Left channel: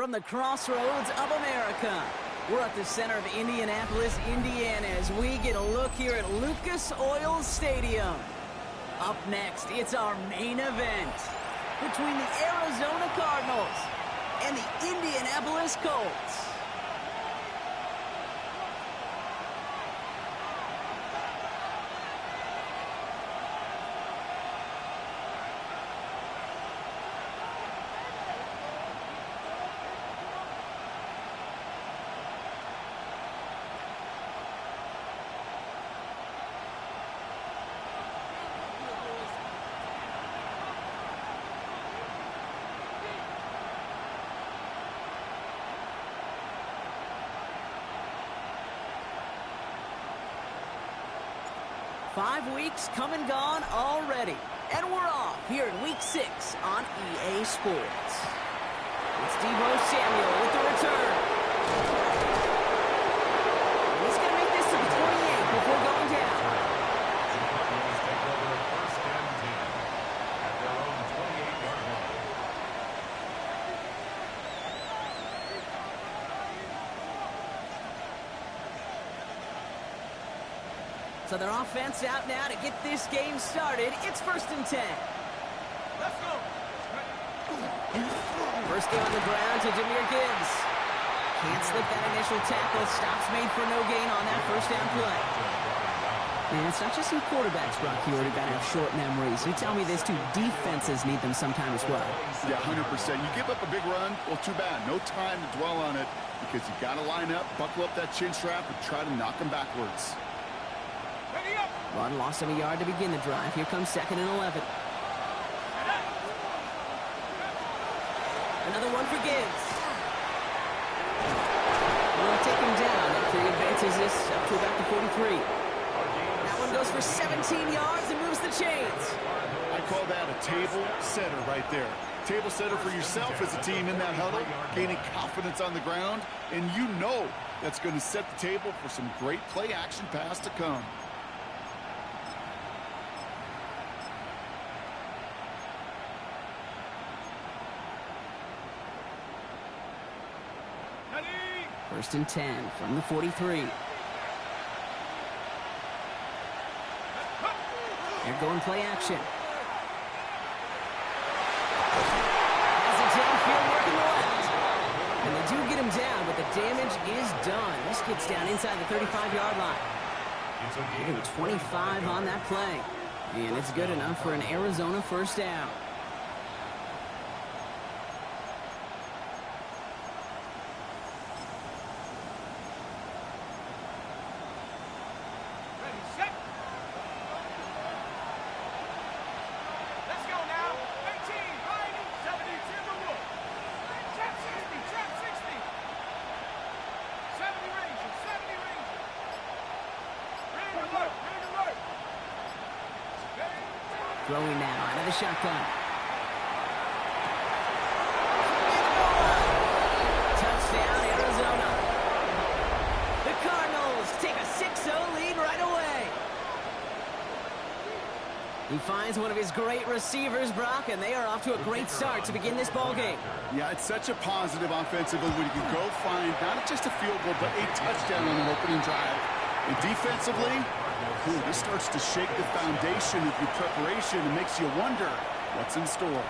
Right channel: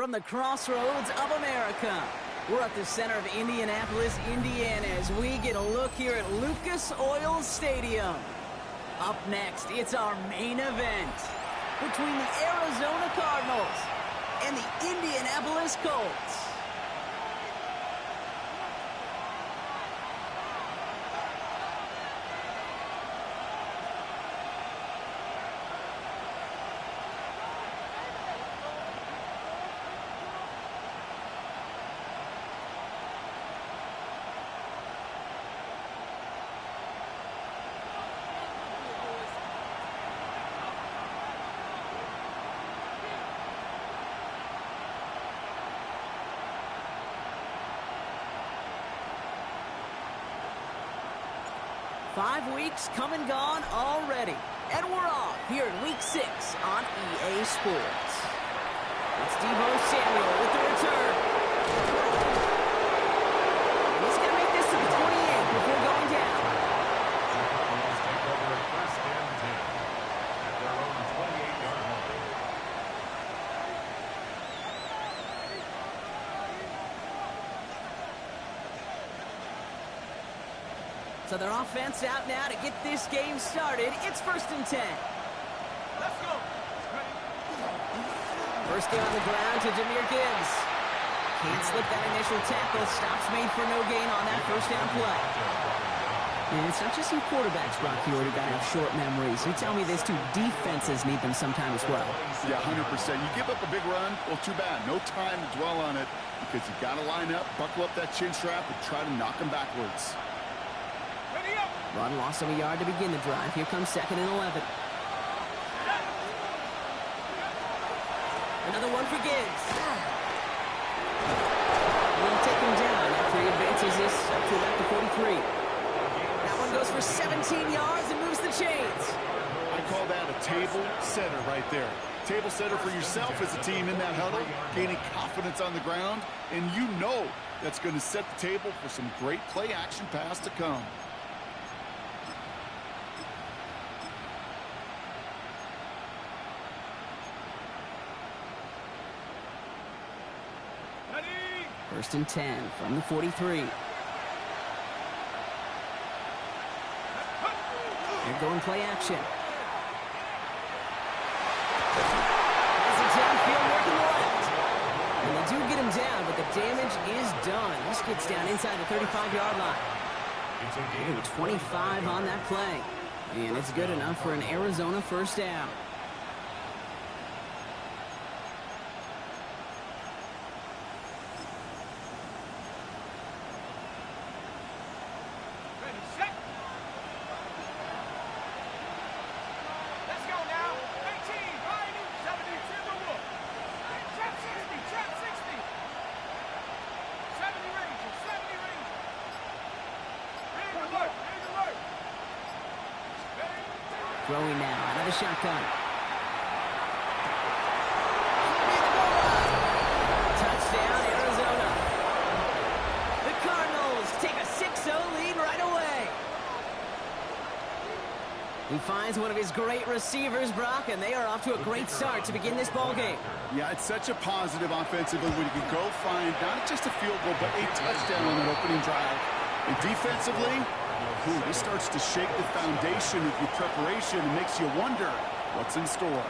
from the crossroads of America. We're at the center of Indianapolis, Indiana, as we get a look here at Lucas Oil Stadium. Up next, it's our main event between the Arizona Cardinals and the Indianapolis Colts. Five weeks come and gone already, and we're off here in Week 6 on EA Sports. It's Deebo Samuel with the return. And he's going to make this to the 28 before going down. The Cardinals take over first and 10 at their own 28-yard line. So their offense out now to get this game started. It's first and 10. Let's go. First game on the ground to Jahmyr Gibbs. Can't slip that initial tackle. Stops made for no gain on that first down play. And it's not just some quarterbacks, Brock Hewitt, who got to have short memories. You tell me these two defenses need them sometime as well. Yeah, 100%. You give up a big run, well, too bad. No time to dwell on it because you got to line up, buckle up that chin strap, and try to knock them backwards. Run lost him a yard to begin the drive. Here comes 2nd and 11. Another one for Gibbs. We'll take him down after he advances this up to about the 43. That one goes for 17 yards and moves the chains. I call that a table setter right there. Table setter for yourself as a team in that huddle, gaining confidence on the ground, and you know that's going to set the table for some great play action pass to come. First and 10 from the 43. They're going play action. Has it downfield working the left. And they do get him down, but the damage is done. This gets down inside the 35-yard line. Ooh, 25 on that play. And it's good enough for an Arizona first down. Throwing now out of the shotgun. Touchdown, Arizona. The Cardinals take a 6-0 lead right away. He finds one of his great receivers, Brock, and they are off to a great start to begin this ball game. Yeah, it's such a positive offensively when you can go find not just a field goal, but a touchdown on an opening drive. And defensively, ooh, this starts to shake the foundation of your preparation and makes you wonder what's in store.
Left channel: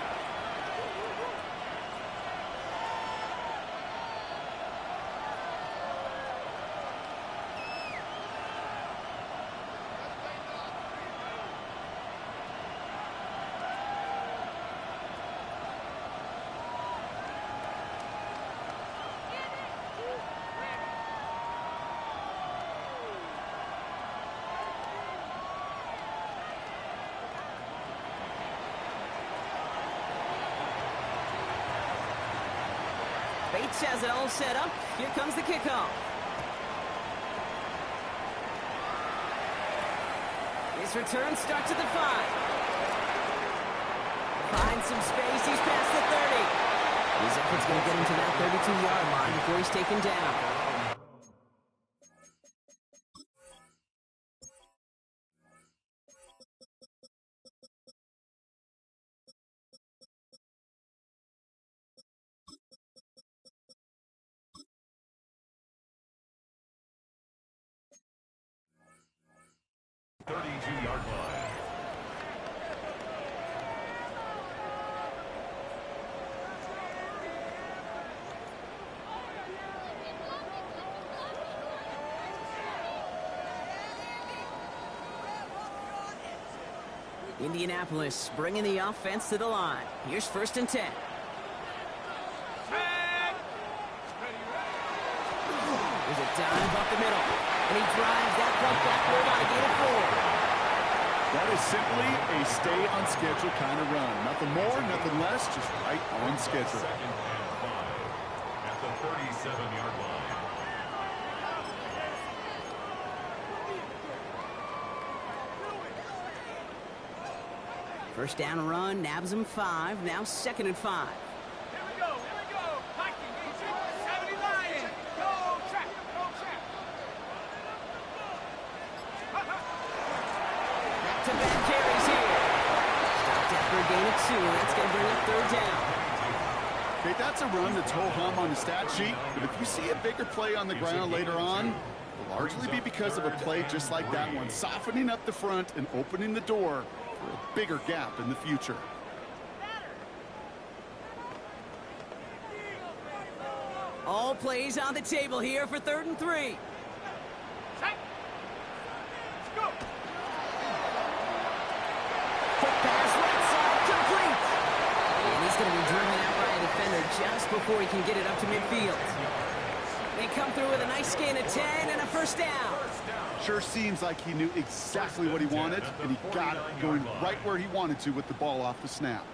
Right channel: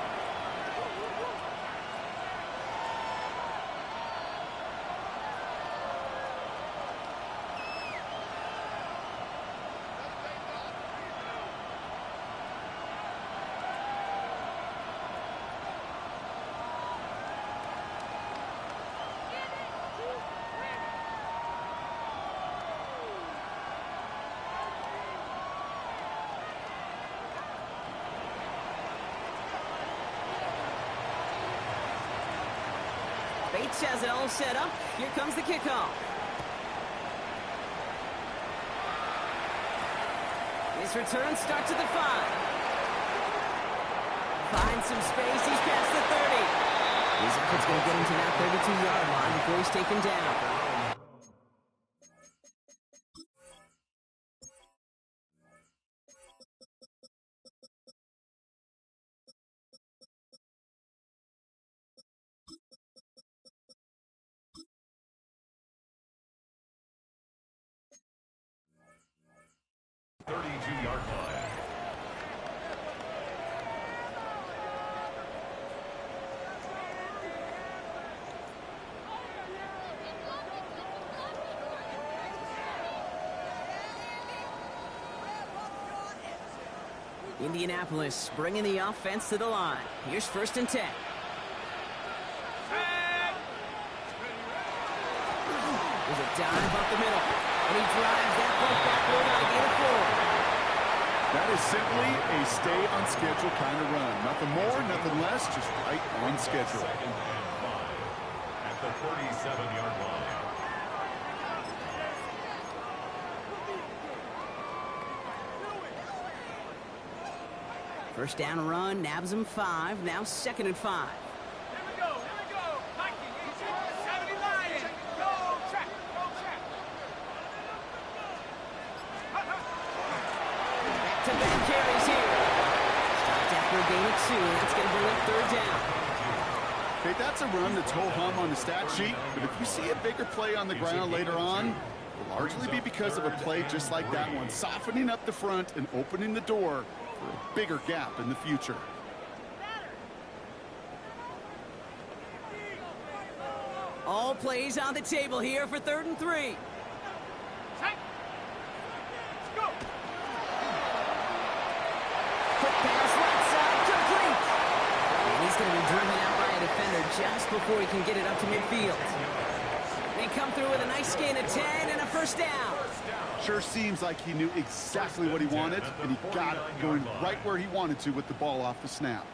Bates has it all set up. Here comes the kickoff. His return starts at the 5. Finds some space. He's past the 30. His effort's going to get him to that 32-yard line before he's taken down. 22-yard line. Indianapolis bringing the offense to the line. Here's 1st and 10. There's a dive up the middle, and he drives that puck backward on a gain of 4. That is simply a stay-on-schedule kind of run. Nothing more, nothing less, just right on schedule. 2nd and 5 at the 37-yard line. First down run, nabs him 5. Now 2nd and 5. Here we go. Viking, 70 Lions. Go track. Back-to-back carries here. Stopped after a gain of 2. That's going to bring up 3rd down. Okay, that's a run that's ho-hum on the stat sheet, but if you see a bigger play on the ground later on, it'll largely be because of a play just like that one, softening up the front and opening the door for a bigger gap in the future. All plays on the table here for 3rd and 3. Let's go. Quick pass right side, complete. And he's going to be driven out by a defender just before he can get it up to midfield. They come through with a nice gain of 10 and a 1st down. Sure seems like he knew exactly what he wanted, and he got it going right where he wanted to with the ball off the snap.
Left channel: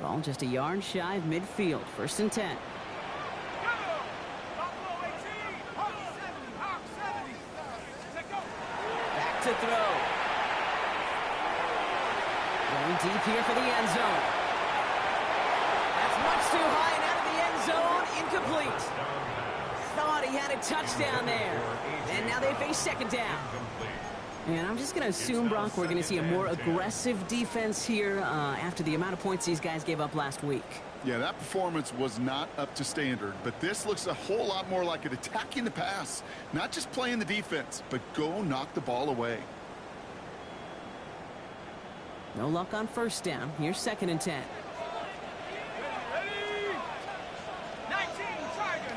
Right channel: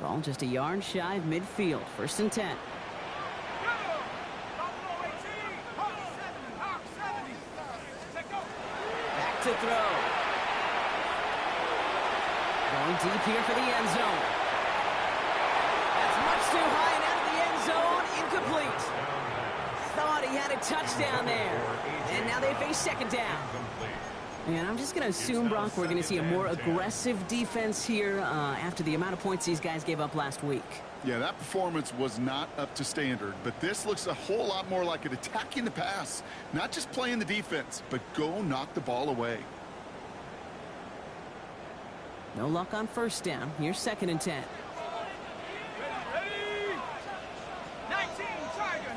Ball just a yard shy of midfield. 1st and 10. Back to throw. Going deep here for the end zone. That's much too high and out of the end zone. Incomplete. Thought he had a touchdown there. And now they face 2nd down. And I'm just going to assume, Brock, we're going to see a more aggressive defense here after the amount of points these guys gave up last week. Yeah, that performance was not up to standard, but this looks a whole lot more like it attacking the pass. Not just playing the defense, but go knock the ball away. No luck on 1st down. Here's 2nd and 10. Ready. 19 Tiger.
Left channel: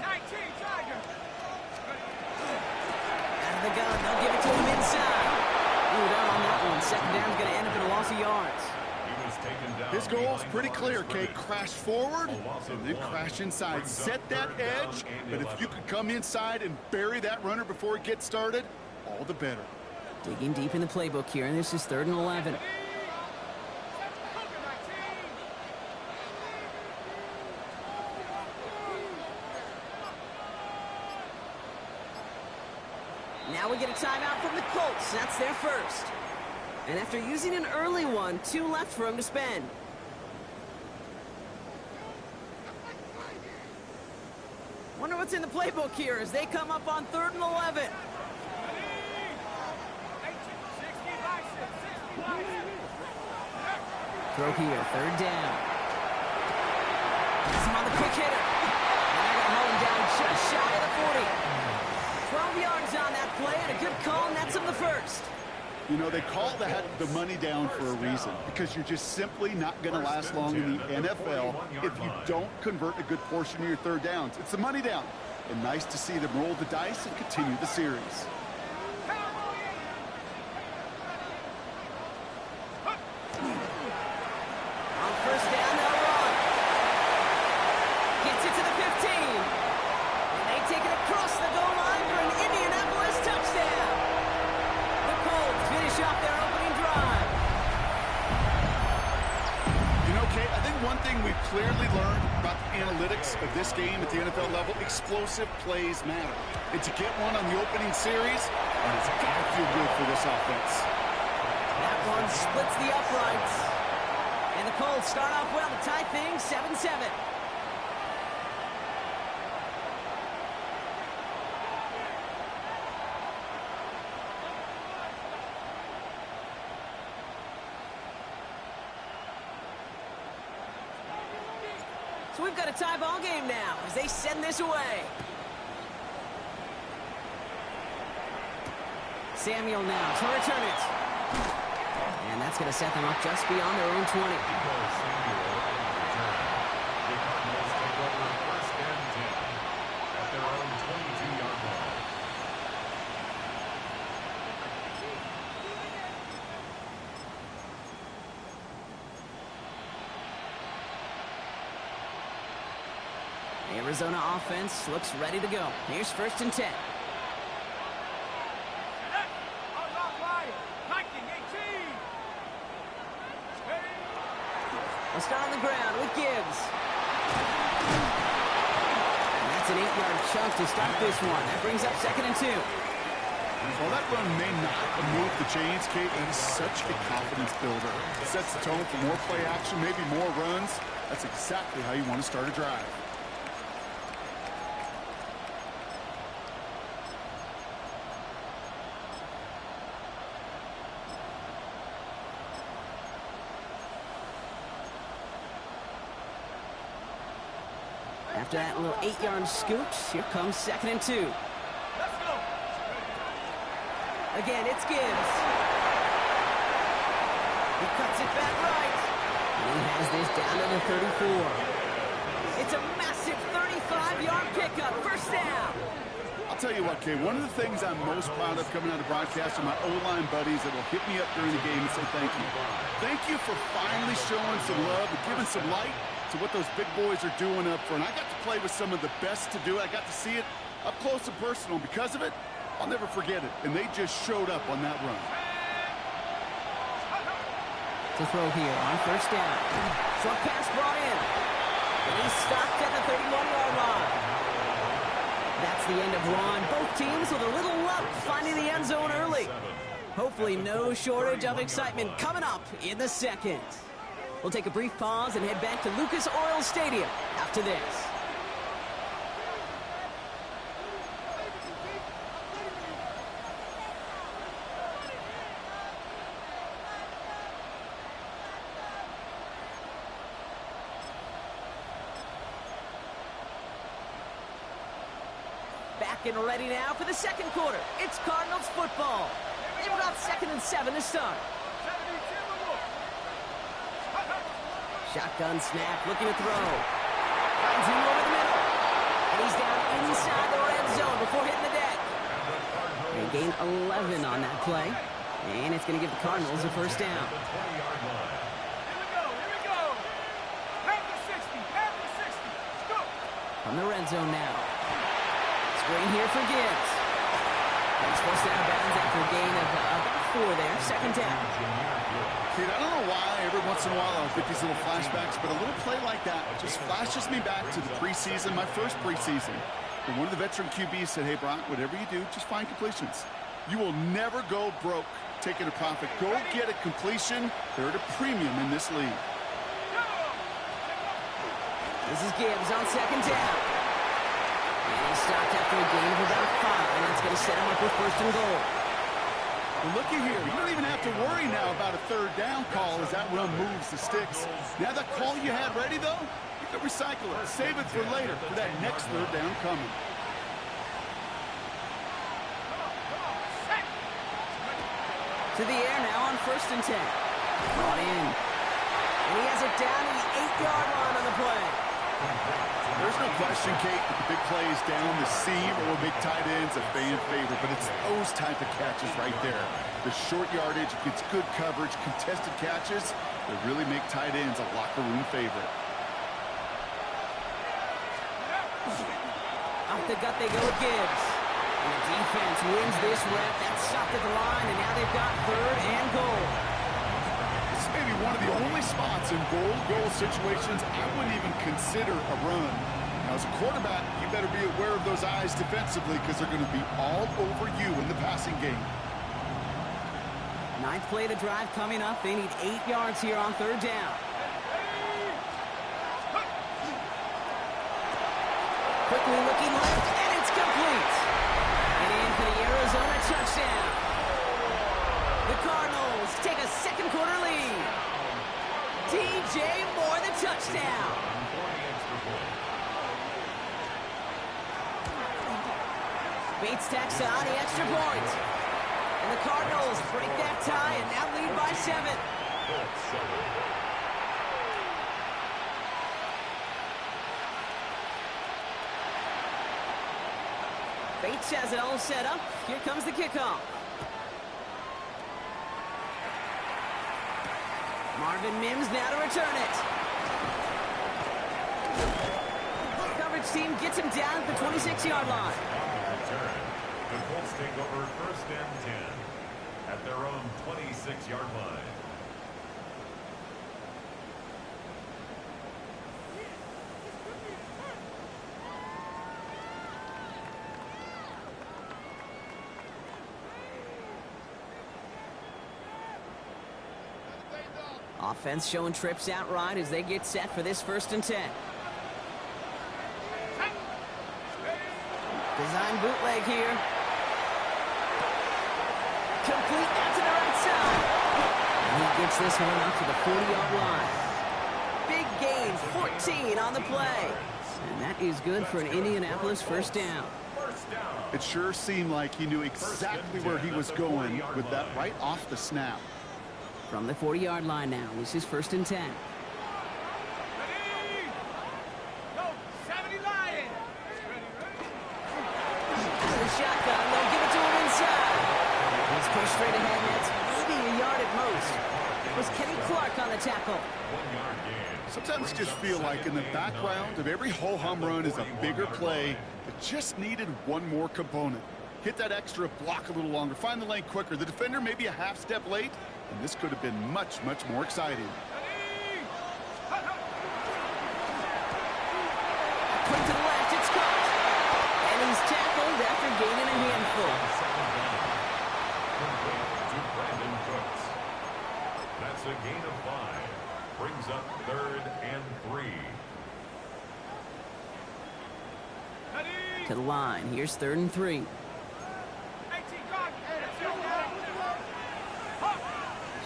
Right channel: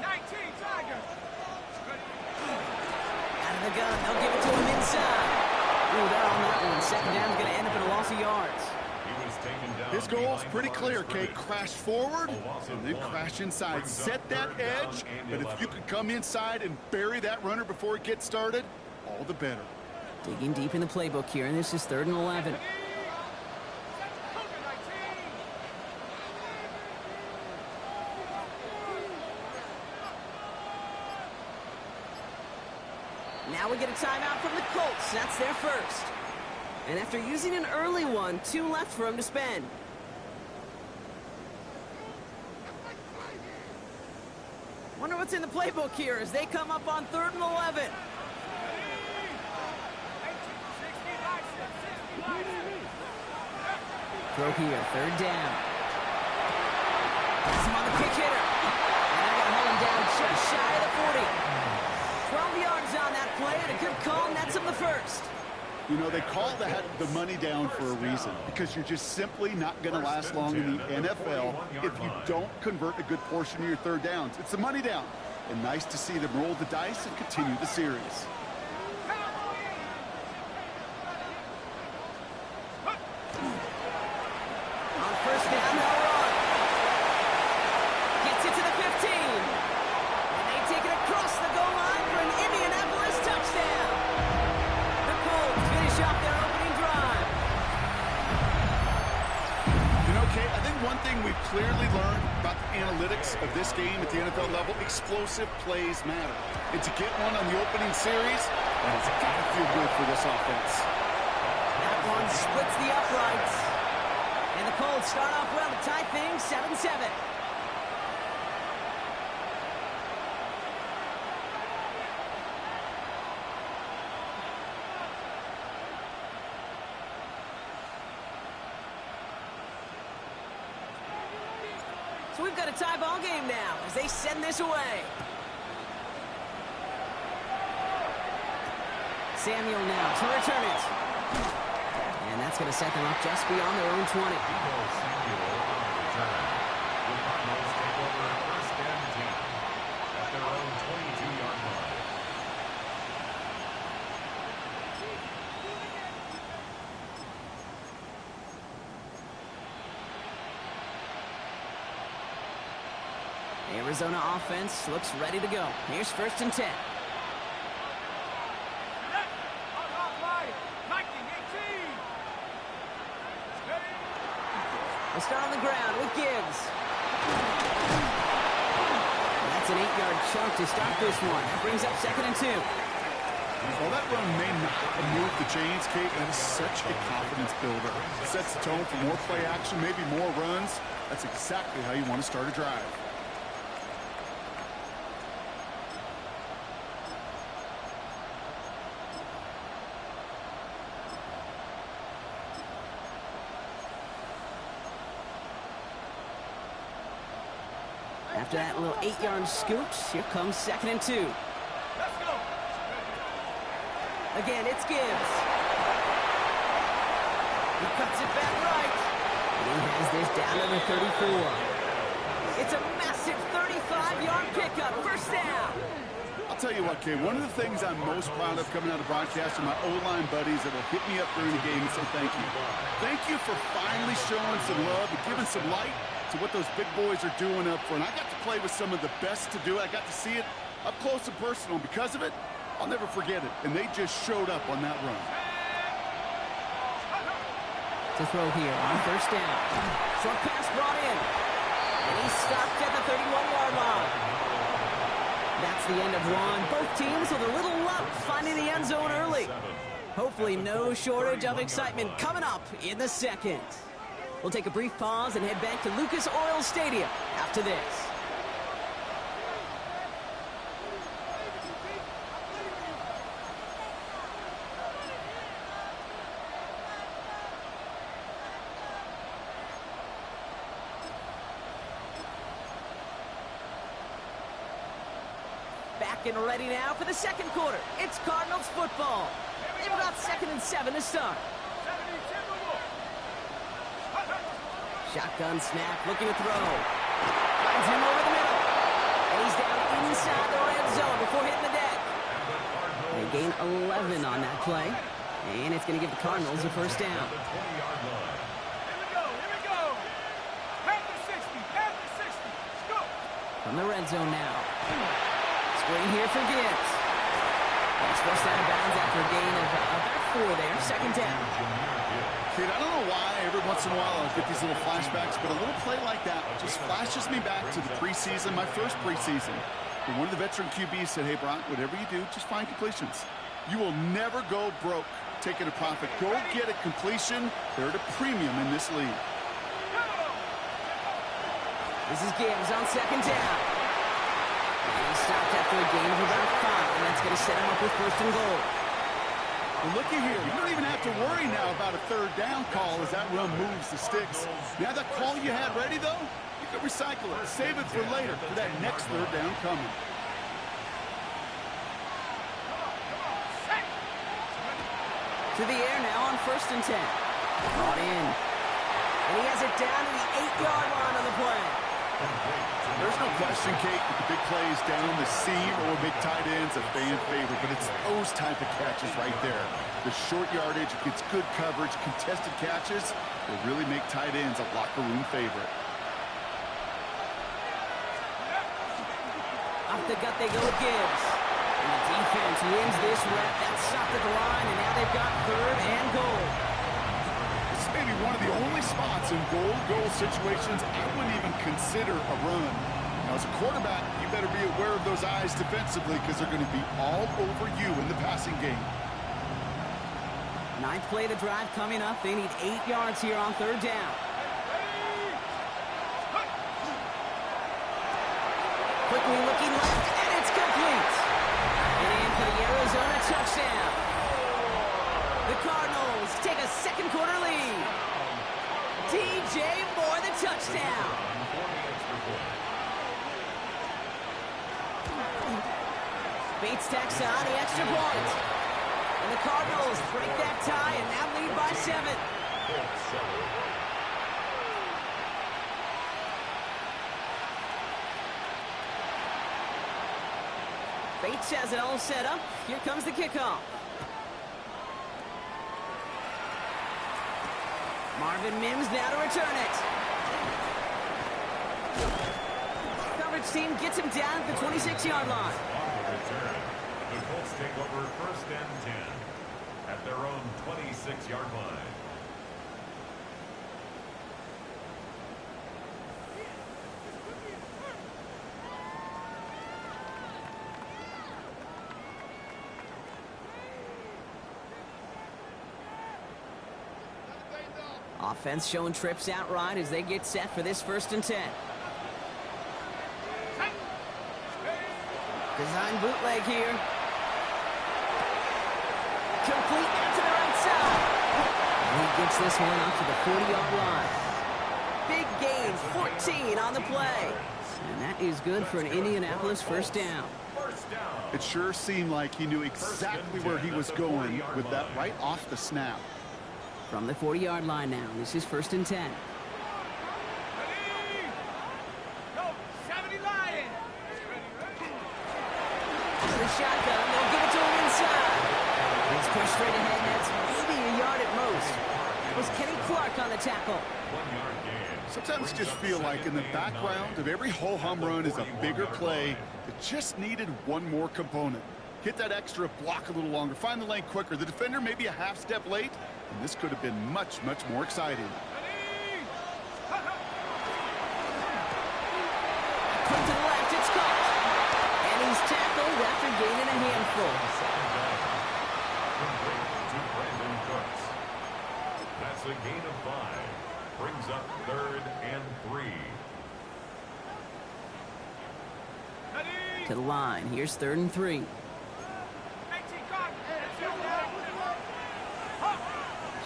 Out of the gun. They'll give it to him inside. Ooh, they're on that one. 2nd down's going to end up in a loss of yards. He was taken down. His goal's pretty clear, Kate. Crash forward and then crash inside. Set that edge, but if you could come inside and bury that runner before it gets started, all the better. Digging deep in the playbook here, and this is 3rd and 11. Now we get a timeout from the Colts. That's their first. And after using an early one, 2 left for him to spend. Wonder what's in the playbook here as they come up on 3rd and 11. Throw here, 3rd down. Pass him on the quick hitter. And they're going to hold him down just shy of the 40. 12 yards on that play, and a good call nets him the first. You know, they call that the money down for a reason, because you're just simply not going to last long in the NFL if you don't convert a good portion of your 3rd downs. It's the money down. And nice to see them roll the dice and continue the series. On 1st down, they'll run. Gets it to the 15. And they take it across the goal line for an Indianapolis touchdown. The Colts finish off their opening drive. You know, Kate, I think one thing we've clearly learned about the analytics of this game at the NFL level, explosive plays matter. And to get one on the opening series, that has got to feel good for this offense. That one splits the uprights. And the Colts start off well to tie things 7-7. So we've got a tie ball game now as they send this away. Samuel now to return it. And that's going to set them up just beyond their own 20. Samuel on the return. The Cardinals take over first and 10 at their own 22-yard line. The Arizona offense looks ready to go. Here's first and 10. They'll start on the ground with Gibbs. And that's an 8-yard chunk to start this one. That brings up second and 2. Well, that run may not move the chains, Kate. That is such a confidence builder. It sets the tone for more play action, maybe more runs. That's exactly how you want to start a drive. After that little 8-yard scoot, here comes second and 2. Let's go. Again, it's Gibbs. He cuts it back right. And he has this down to the 34. It's a massive 35-yard pickup. First down. I'll tell you what, Kate, one of the things I'm most proud of coming out of broadcast are my O-line buddies that will hit me up during the game and say thank you. Thank you for finally showing some love and giving some light to what those big boys are doing up front. I got to play with some of the best to do it. I got to see it up close and personal. Because of it, I'll never forget it. And they just showed up on that run. To throw here on first down. Short pass brought in. And he's stopped at the 31-yard line. That's the end of one. Both teams with a little luck finding the end zone early. Hopefully no shortage of excitement coming up in the second. We'll take a brief pause and head back to Lucas Oil Stadium after this. Back and ready now for the second quarter. It's Cardinals football. They've got 2nd and 7 to start. Shotgun snap, looking to throw. Finds him over the middle. And he's down inside the red zone before hitting the deck. They gain 11 on that play. And it's going to give the Cardinals a first down. Here we go. Half the 60. Let's go. From the red zone now. Screen here for Gibbs. But he's forced out of bounds after a gain of about 4 there. Second down. Kid, I don't know why every once in a while I'll get these little flashbacks, but a little play like that just flashes me back to the preseason, my first preseason. When one of the veteran QBs said, hey, Brock, whatever you do, just find completions. You will never go broke taking a profit. Go get a completion. They're at a premium in this league. This is Gibbs on second down. And he stopped after a gain of about 5, and that's going to set him up with first and goal. Well, looky here. You don't even have to worry now about a third down call as that run moves the sticks. Now that call you had ready, though, you can recycle it. Save it for later for that next third down coming. To the air now on first and 10. Brought in. And he has it down to the 8-yard line on the play. There's no question, Kate, that the big plays down the seam or big tight ends a fan favorite, but it's those type of catches right there. The short yardage, gets good coverage, contested catches that really make tight ends a locker room favorite. Off the gut they go with Gibbs. And the defense wins this rep. That's stopped at the line, and now they've got third and goal. This may be one of the only spots in goal situations I wouldn't even consider a run. Now, as a quarterback, you better be aware of those eyes defensively because they're going to be all over you in the passing game. 9th play of the drive coming up. They need 8 yards here on third down. Quickly looking left, and it's complete. And in for the Arizona touchdown. The Cardinals take a second quarter lead. DJ Moore, the touchdown. For the extra point. Bates tacks on the extra point. And the Cardinals break that tie and now lead by 7. Colts 7. Bates has it all set up. Here comes the kickoff. Marvin Mims now to return it. Coverage team gets him down at the 26-yard line. On the return, the Colts take over 1st and 10 at their own 26-yard line. Offense showing trips outright as they get set for this 1st and 10. Design bootleg here. Complete out to the right side. And he gets this one up to the 40-yard line. Big gain, 14 on the play. And that is good for an Indianapolis 1st down. It sure seemed like he knew exactly where he was going with that right off the snap. From the 40-yard line now, this is 1st and 10. Ready? Go, 70 Lions. Ready. The shotgun, they'll give it to him inside. He's pushed straight ahead, and that's maybe a yard at most. It was Kenny Clark on the tackle. 1-yard gain. Sometimes just feel like in the background of every home run is a bigger play that just needed one more component. Hit that extra block a little longer, find the lane quicker. The defender maybe a half step late, and this could have been much, much more exciting. Quick to the left, it's caught. And he's tackled after gaining a handful. 2nd down. Complete to Brandon Cooks. That's a gain of 5. Brings up 3rd and 3. Ready? To the line, here's 3rd and 3. 18 guard.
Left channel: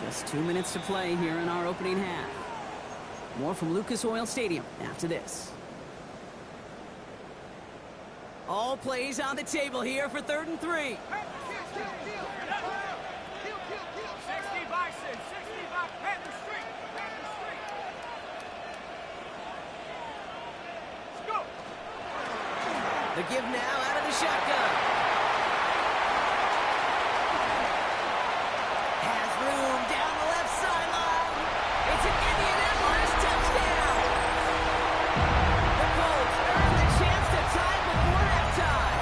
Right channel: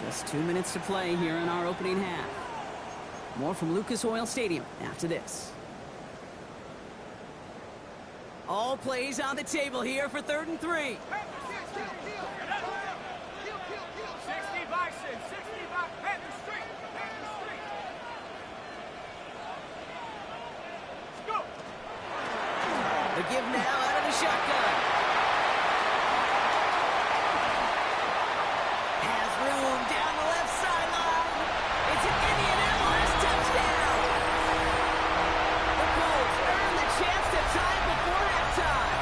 Just 2 minutes to play here in our opening half. More from Lucas Oil Stadium after this. All plays on the table here for 3rd and 3. 60 Bison, 60 by Panther Street. Panther Street. Let's go. The give now out of the shotgun. Has room down the left sideline. It's an Indianapolis touchdown. The Colts earn the chance to tie before halftime.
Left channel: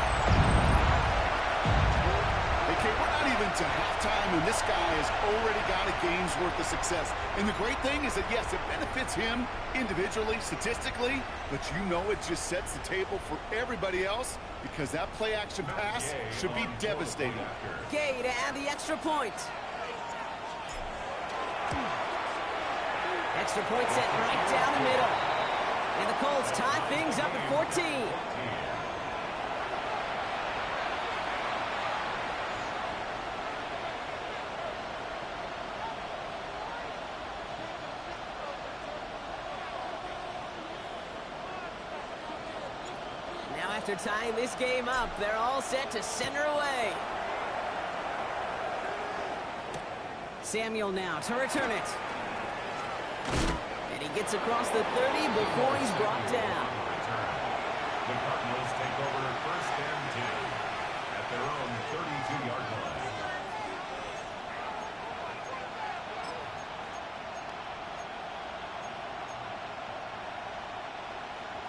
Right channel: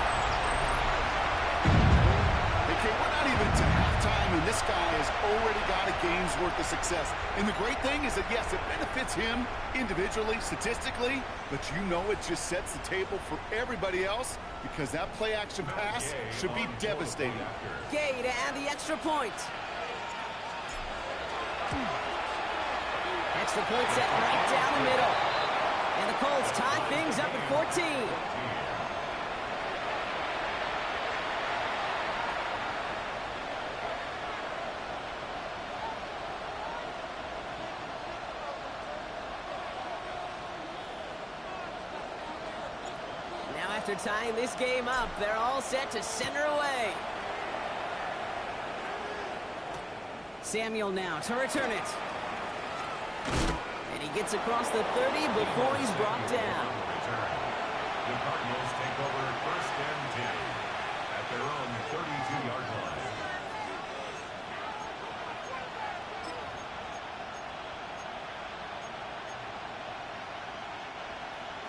Okay, we're not even to halftime, and this guy has already got a game's worth of success. And the great thing is that, yes, it benefits him individually, statistically, but you know it just sets the table for everybody else because that play-action pass should be devastating. Gay to add the extra point. Extra point set right down the middle. And the Colts tie things up at 14. Now after tying this game up, they're all set to center away. Samuel now to return it. And he gets across the 30 before he's brought down. The Cardinals take over 1st and 10 at their own 32-yard line.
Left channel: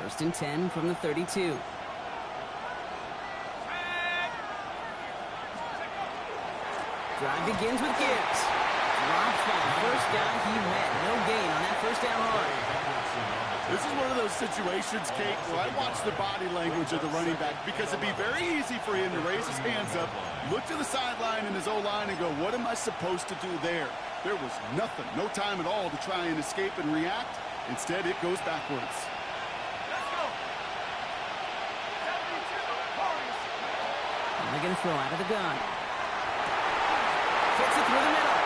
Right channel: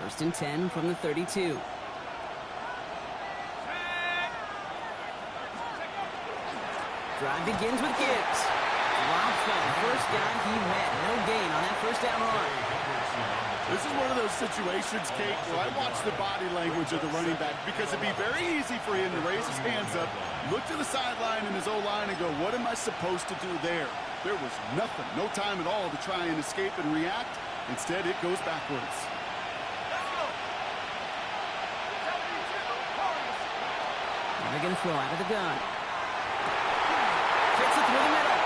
First and 10 from the 32. Drive begins with Gibbs. Drops by the first guy he met. No gain on that 1st down run. This is one of those situations, Kate, where I watch the body language of the running back because it'd be very easy for him to raise his hands up, look to the sideline in his O-line and go, what am I supposed to do there? There was nothing, no time at all to try and escape and react. Instead, it goes backwards. Now they're going to throw out of the gun. Fits it through the middle.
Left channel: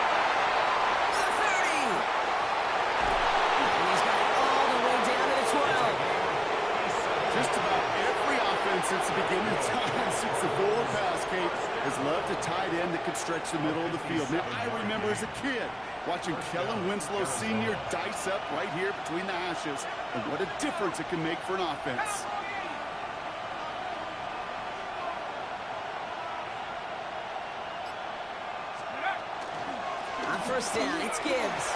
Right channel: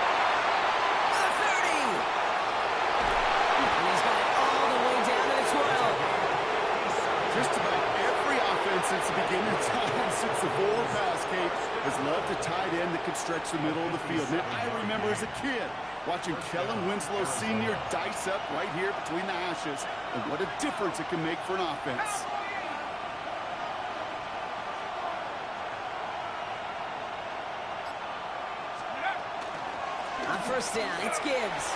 The 30. defense since the beginning of time, since the forward pass, Kate, has loved a tight end that can stretch the middle of the field. Now, I remember as a kid watching Kellen Winslow Sr. dice up right here between the hashes, and what a difference it can make for an offense. On first down, it's Gibbs.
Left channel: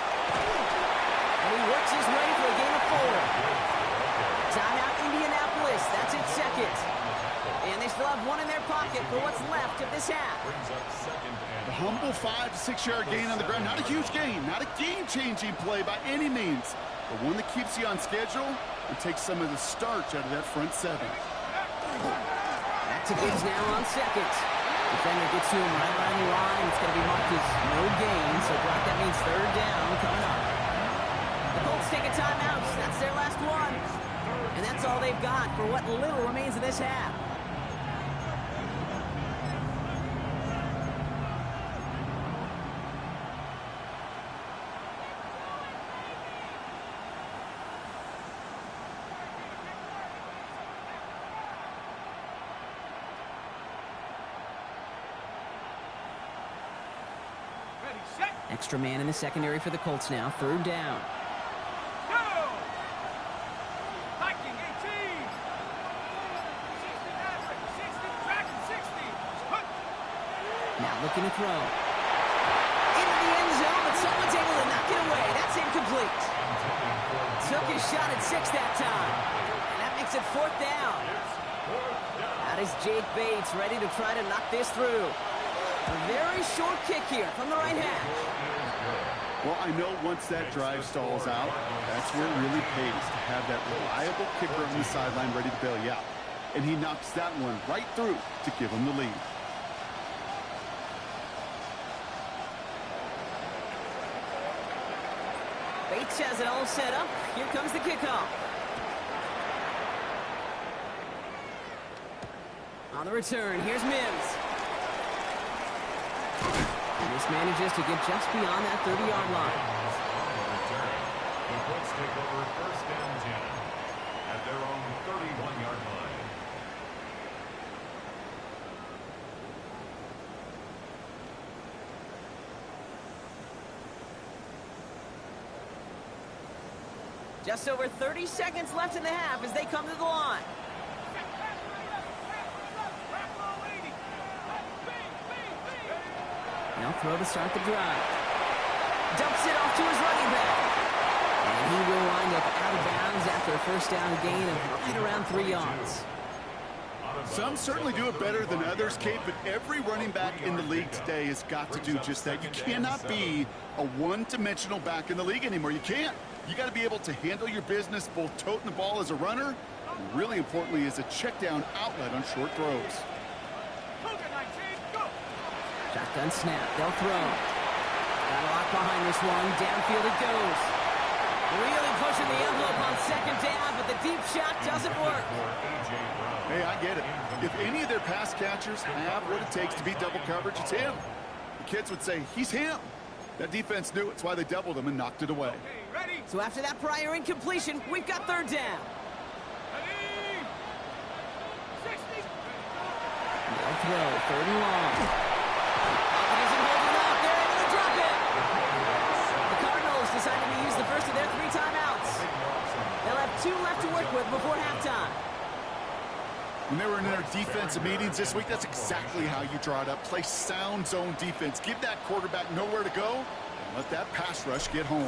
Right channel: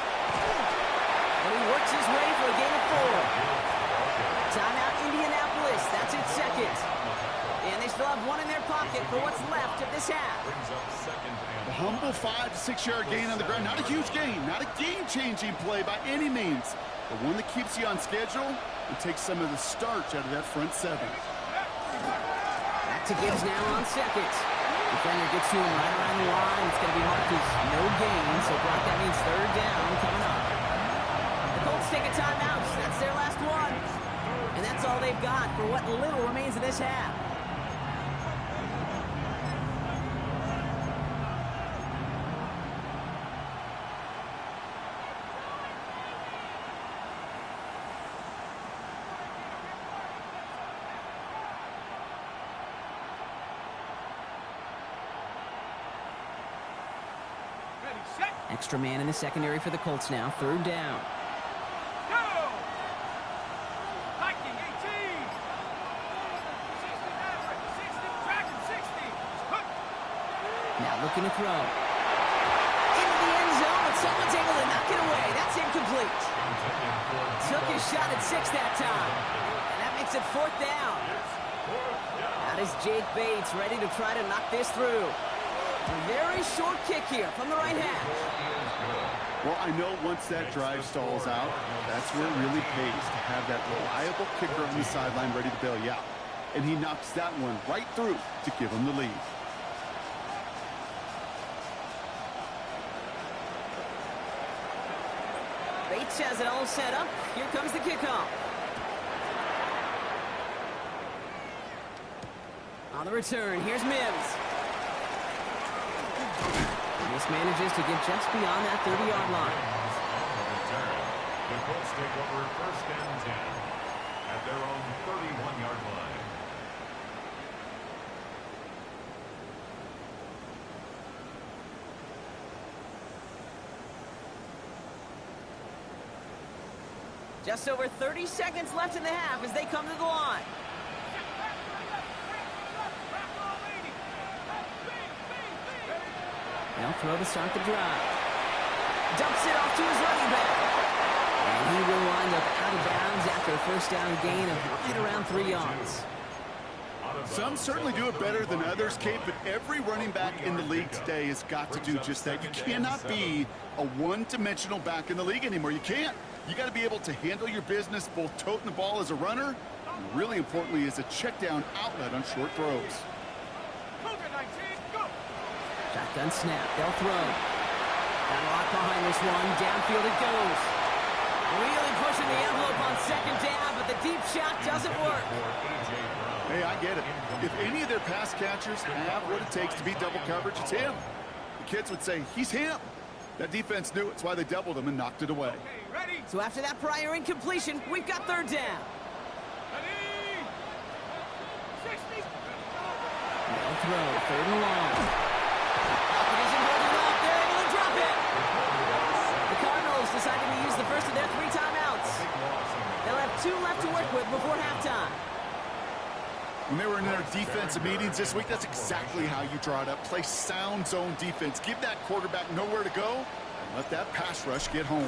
And he works his way for a gain of 4. Timeout, Indianapolis. That's its second. And they still have one in their pocket for what's left of this half. The humble 5 to 6 yard gain on the ground. Not a huge gain, not a game-changing play by any means, but one that keeps you on schedule and takes some of the starch out of that front 7. Back to Gibbs now on second. Defender gets to him right around the line. It's going to be marked as no gain. So, Brock, that means third down coming up. The Colts take a timeout. That's their last one. And that's all they've got for what little remains of this half. Extra man in the secondary for the Colts now. Third down. Go! Viking 18! 60 Maverick, 60 Dragon, 60! Hook! Now looking to throw. Into the end zone, but someone's able to knock it away. That's incomplete. Took his shot at 6 that time. And that makes it 4th down. That is Jake Bates ready to try to knock this through. A very short kick here from the right hash. Well, I know once that drive stalls out, that's where it really pays to have that reliable kicker on the sideline ready to bail you out. And he knocks that one right through to give him the lead. Bates has it all set up. Here comes the kickoff. On the return, here's Mims. This manages to get just beyond that 30-yard line. On the return, the Colts take over first and 10 at their own 31-yard line. Just over 30 seconds left in the half as they come to the line. They'll throw to start the drive. Dumps it off to his running back. And he will wind up out of bounds after a first down gain of right around 3 yards. Some certainly do it better than others, Kate, but every running back in the league today has got to do just that. You cannot be a one-dimensional back in the league anymore. You can't. You got to be able to handle your business, both toting the ball as a runner, and really importantly as a check-down outlet on short throws. Shotgun snap. They'll throw. Got a lot behind this one. Downfield it goes. Really pushing the envelope on second down, but the deep shot doesn't work. Hey, I get it. If any of their pass catchers have what it takes to beat double coverage, it's him. The kids would say, he's him. That defense knew it's why they doubled him and knocked it away. Okay, ready? So after that prior incompletion, we've got third down. Ready? 60. They'll throw. Third and long. Pocket isn't holding up. They're able to drop it. The Cardinals decided to use the first of their 3 timeouts. They'll have 2 left to work with before halftime. When they were in their defensive meetings this week, that's exactly how you draw it up. Play sound zone defense. Give that quarterback nowhere to go and let that pass rush get home.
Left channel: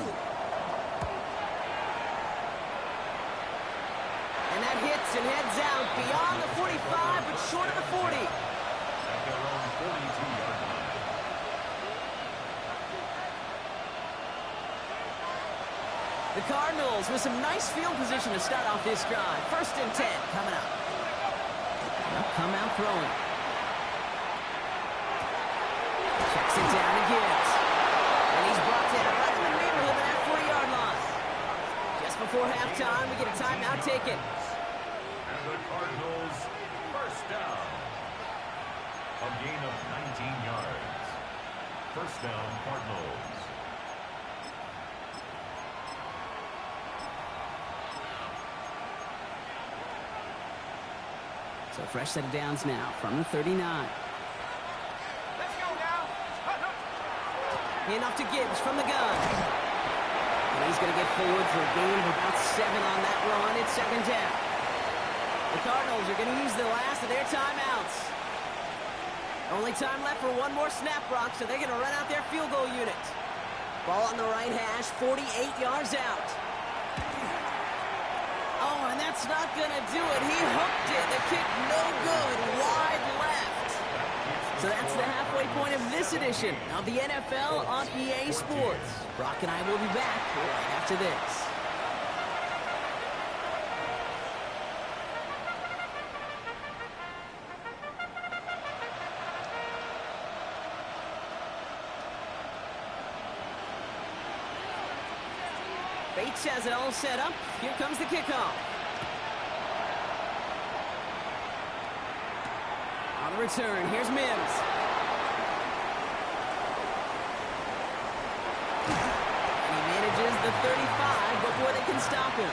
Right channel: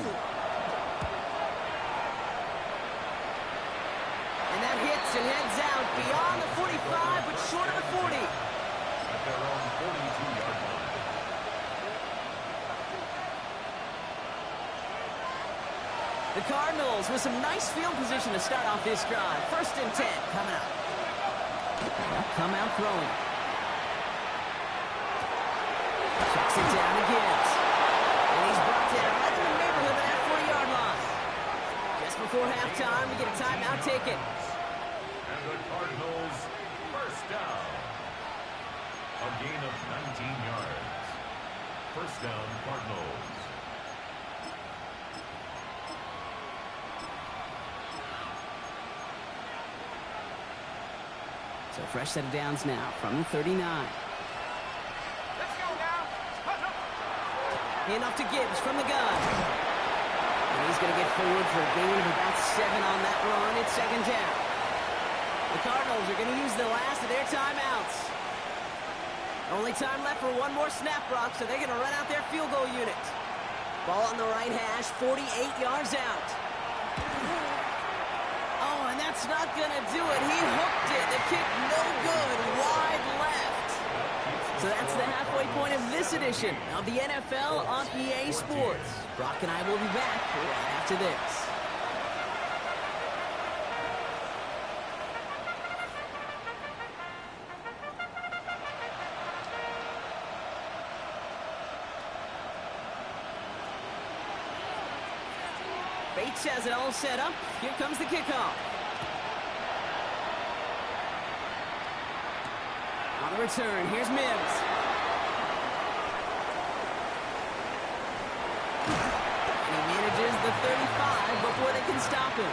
And that hits and heads out beyond the 45, but short of the 40. At their own 42-yard line. The Cardinals with some nice field position to start off this drive. First and 10 coming up. They'll come out throwing. Checks it down to Gibbs. And he's brought down right in the neighborhood of that 40-yard line. Just before halftime, we get a timeout taken. And the Cardinals first down. A gain of 19 yards. First down, Cardinals. So fresh set of downs now from the 39. Let's go now. And off to Gibbs from the gun. And he's going to get forward for a gain of about 7 on that run. It's second down. The Cardinals are going to use the last of their timeouts. Only time left for one more snap, Brock, so they're going to run out their field goal unit. Ball on the right hash, 48 yards out. Oh, and that's not going to do it. He hooked it. The kick no good, wide left. So that's the halfway point of this edition of the NFL on EA Sports. Brock and I will be back right after this. Bates has it all set up. Here comes the kickoff. On the return, here's Mims. And he manages the 35 before they can stop him.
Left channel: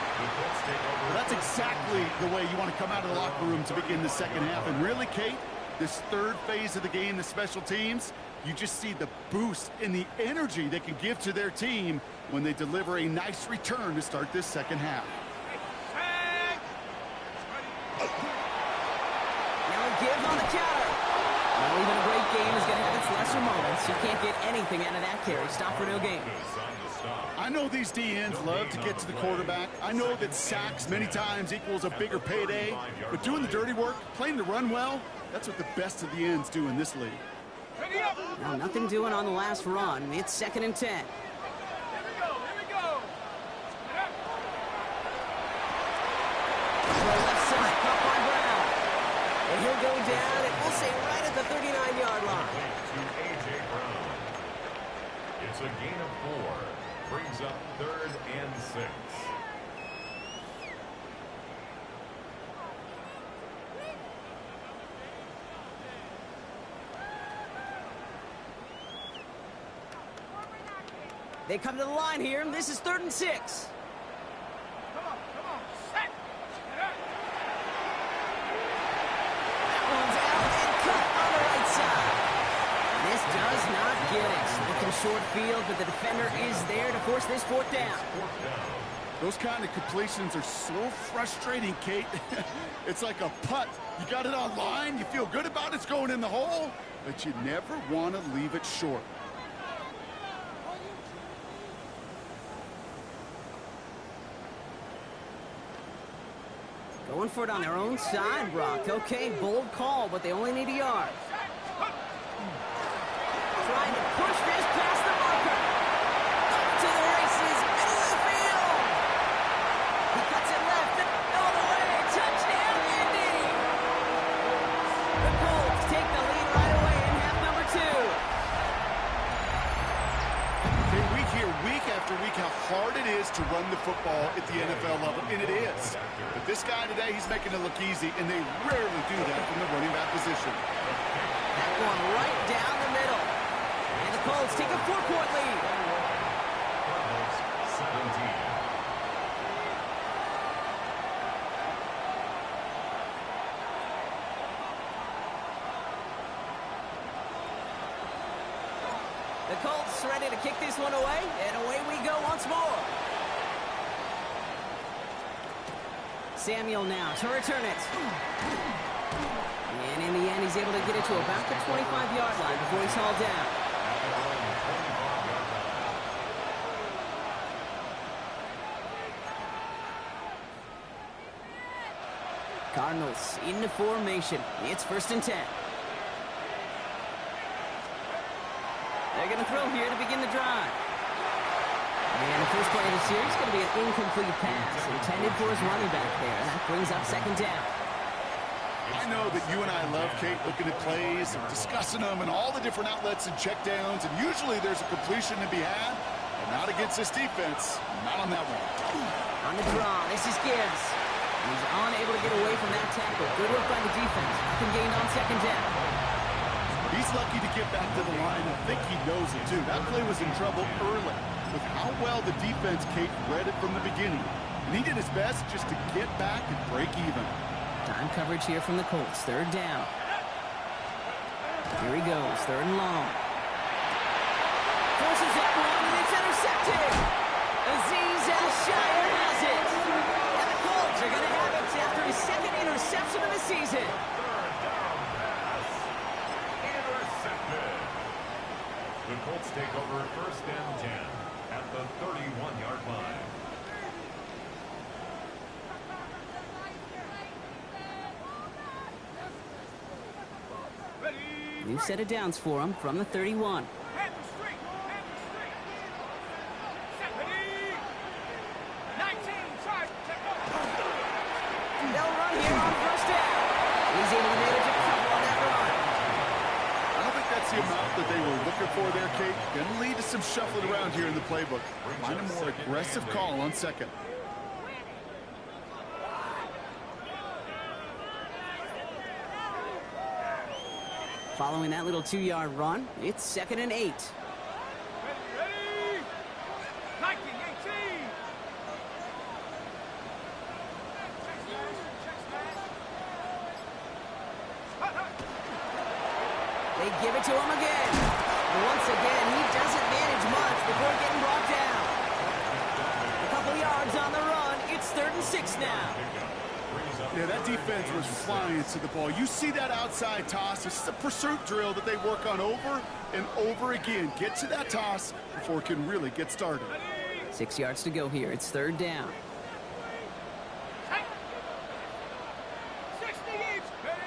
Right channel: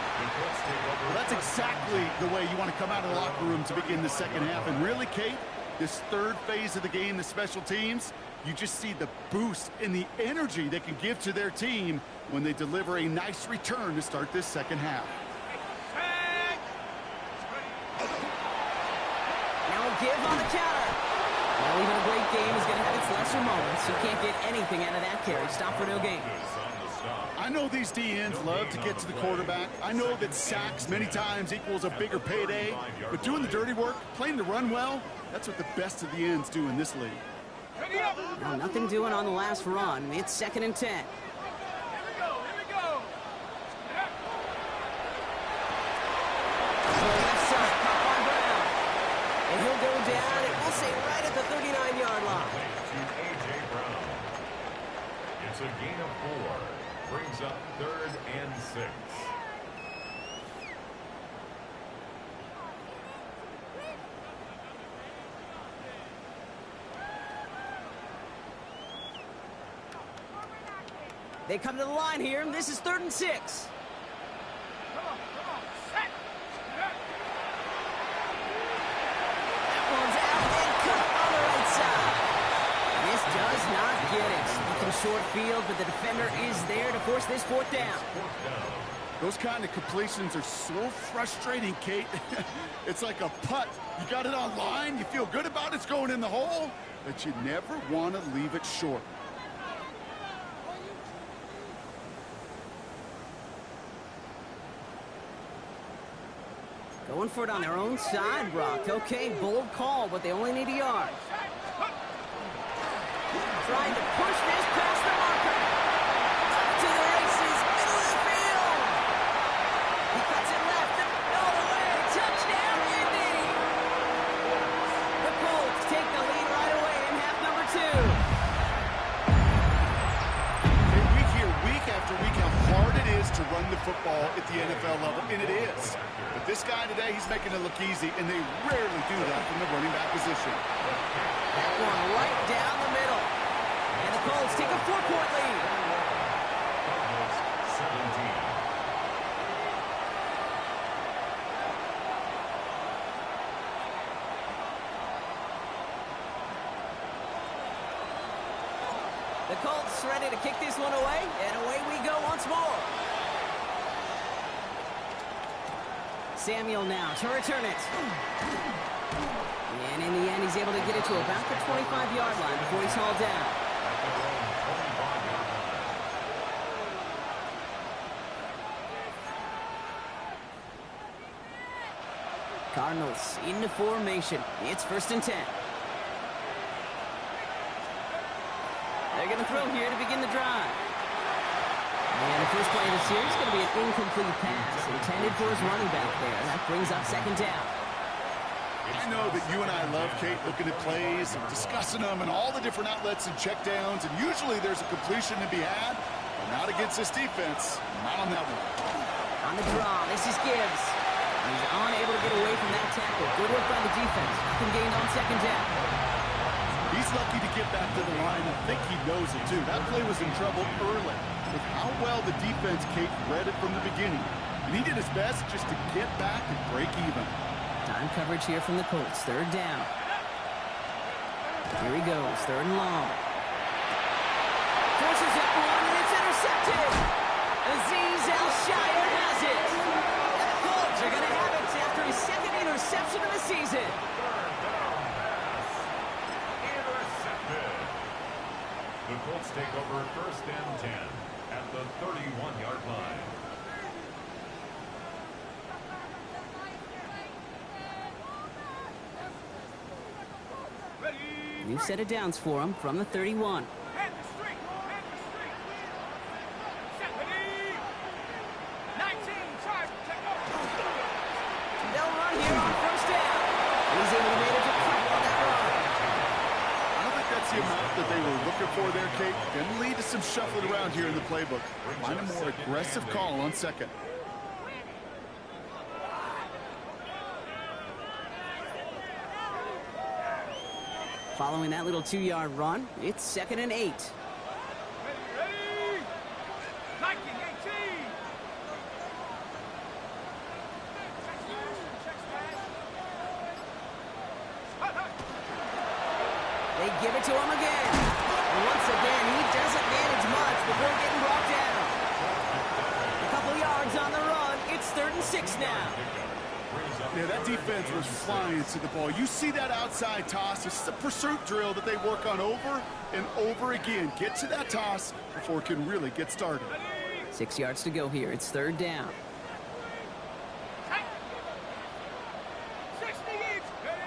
Well, that's exactly the way you want to come out of the locker room to begin the second half. And really, Kate, this third phase of the game, the special teams, you just see the boost in the energy they can give to their team when they deliver a nice return to start this second half. Now give on the counter. Well, even a great game is going to have its lesser moments. You can't get anything out of that carry. Stop for no gain. I know these DNs love to get to the quarterback. I know that sacks many times equals a bigger payday. But doing the dirty work, playing the run well, that's what the best of the ends do in this league. Well, nothing doing on the last run. It's second and 10. Here we go. Throw left side, caught by Brown. And he'll go down, and we'll say right at the 39-yard line. To A.J. Brown. It's a gain of 4. Brings up 3rd and 6. They come to the line here, and this is 3rd and 6. Come on. Set. That one's out and cut on the right side. This does not get it. Looking short field, but the defender is there to force this 4th down. Those kind of completions are so frustrating, Kate. It's like a putt. You got it on line, you feel good about it's going in the hole, but you never want to leave it short. Going for it on their own side, Brock. Okay, bold call, but they only need a yard. Trying to push this past the marker. Up to the races, middle of the field. He cuts it left and all the way. Touchdown, Indy. The Colts take the lead right away in half number 2. Okay, we hear week after week how hard it is to run the football at the NFL level, and it is. But this guy today, he's making it look easy, and they rarely do that from the running back position. That one right down the middle. And the Colts take a 4-point lead. Cardinals 17. The Colts ready to kick this one away, and away we go once more. Samuel now to return it. And in the end, he's able to get it to about the 25-yard line before he's hauled down. Cardinals into formation. It's 1st and 10. They're going to throw here to begin the drive. And the first play of the series is going to be an incomplete pass intended for his running back there. And that brings up 2nd down. I know that you and I love, Kate, looking at plays and discussing them and all the different outlets and checkdowns, and usually there's a completion to be had, but not against this defense. Not on that one. On the draw, this is Gibbs. He's unable to get away from that tackle. Good work by the defense. Nothing gained on 2nd down. He's lucky to get back to the line. I think he knows it, too. That play was in trouble early with how well the defense, Kate, read it from the beginning. And he did his best just to get back and break even. Time coverage here from the Colts. Third down. Here he goes. Third and long. Forces it one, and it's intercepted. Azeez Al-Shire has it. And the Colts are going to have it after his second interception of the season. Third down pass. Intercepted. The Colts take over first and 10 at the 31-yard line. New set of downs for him from the 31. Hand the street. Hand the street. Set. Ready. 19. Charge. Check over. They'll run here on first down. He's able to manage a couple on that run. I don't think that's the amount that they were looking for there, Kate. Going to lead to some shuffling around here in the playbook. Find a more aggressive call on second. Following that little 2-yard run, it's 2nd and 8. Ready. Ready. 19. 18. Check smash. Check smash. Hut, hut. They give it to him again. And once again, he doesn't manage much before getting brought down. A couple yards on the run. It's 3rd and 6 now. Yeah, that defense was flying to the ball. You see that outside toss. This is a pursuit drill that they work on over and over again. Get to that toss before it can really get started. 6 yards to go here. It's 3rd down. 60 each. Ready.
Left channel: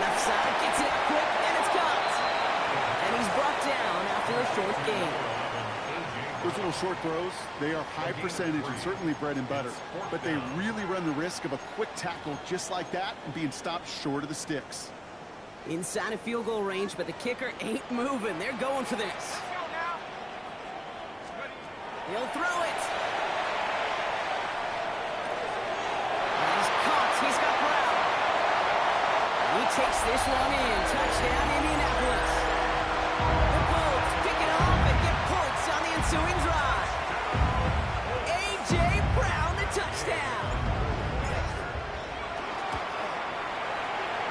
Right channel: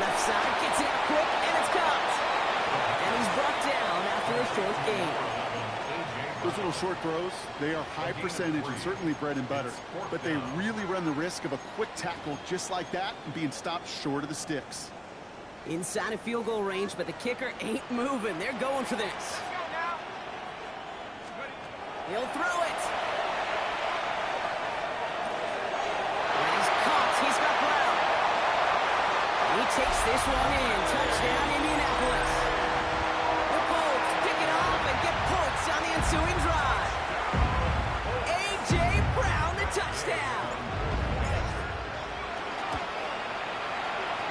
Left side gets it out quick, and it's caught. And he's brought down after a short gain. Those little short throws, they are high percentage and certainly bread and butter. But they really run the risk of a quick tackle just like that and being stopped short of the sticks. Inside of field goal range, but the kicker ain't moving. They're going for this. Let's go now. Ready. He'll throw it. And he's caught. He's got Brown. He takes this one in. Touchdown, Indianapolis. The Colts pick it off and get points on the ensuing drive. A.J. Brown, the touchdown.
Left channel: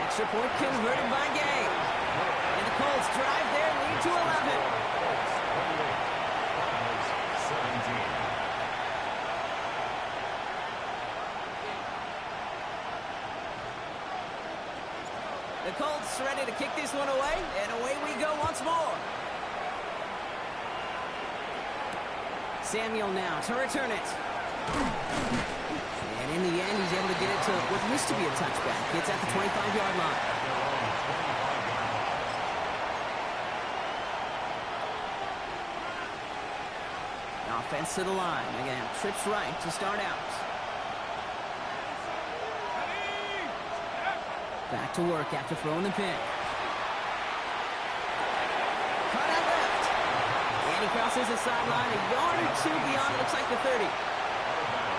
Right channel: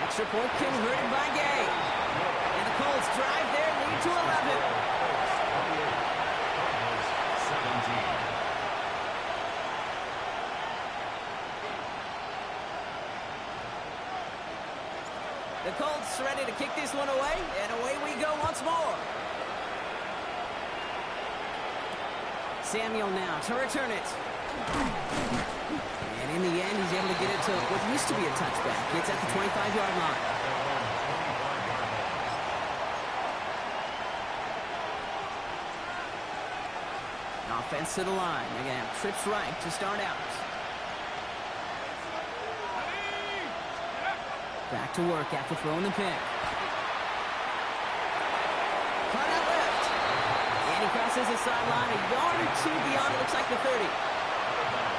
Extra point converted by Gay. And the Colts drive their lead to 11. 17. The Colts ready to kick this one away, and away we go once more. Samuel now to return it. And in the end, he's able to get it to what used to be a touchback. It's at the 25-yard line. Offense to the line. They're going to have trips right to start out. Back to work after throwing the pick. Cut out left. And he crosses the sideline a yard or two beyond, it looks like the 30.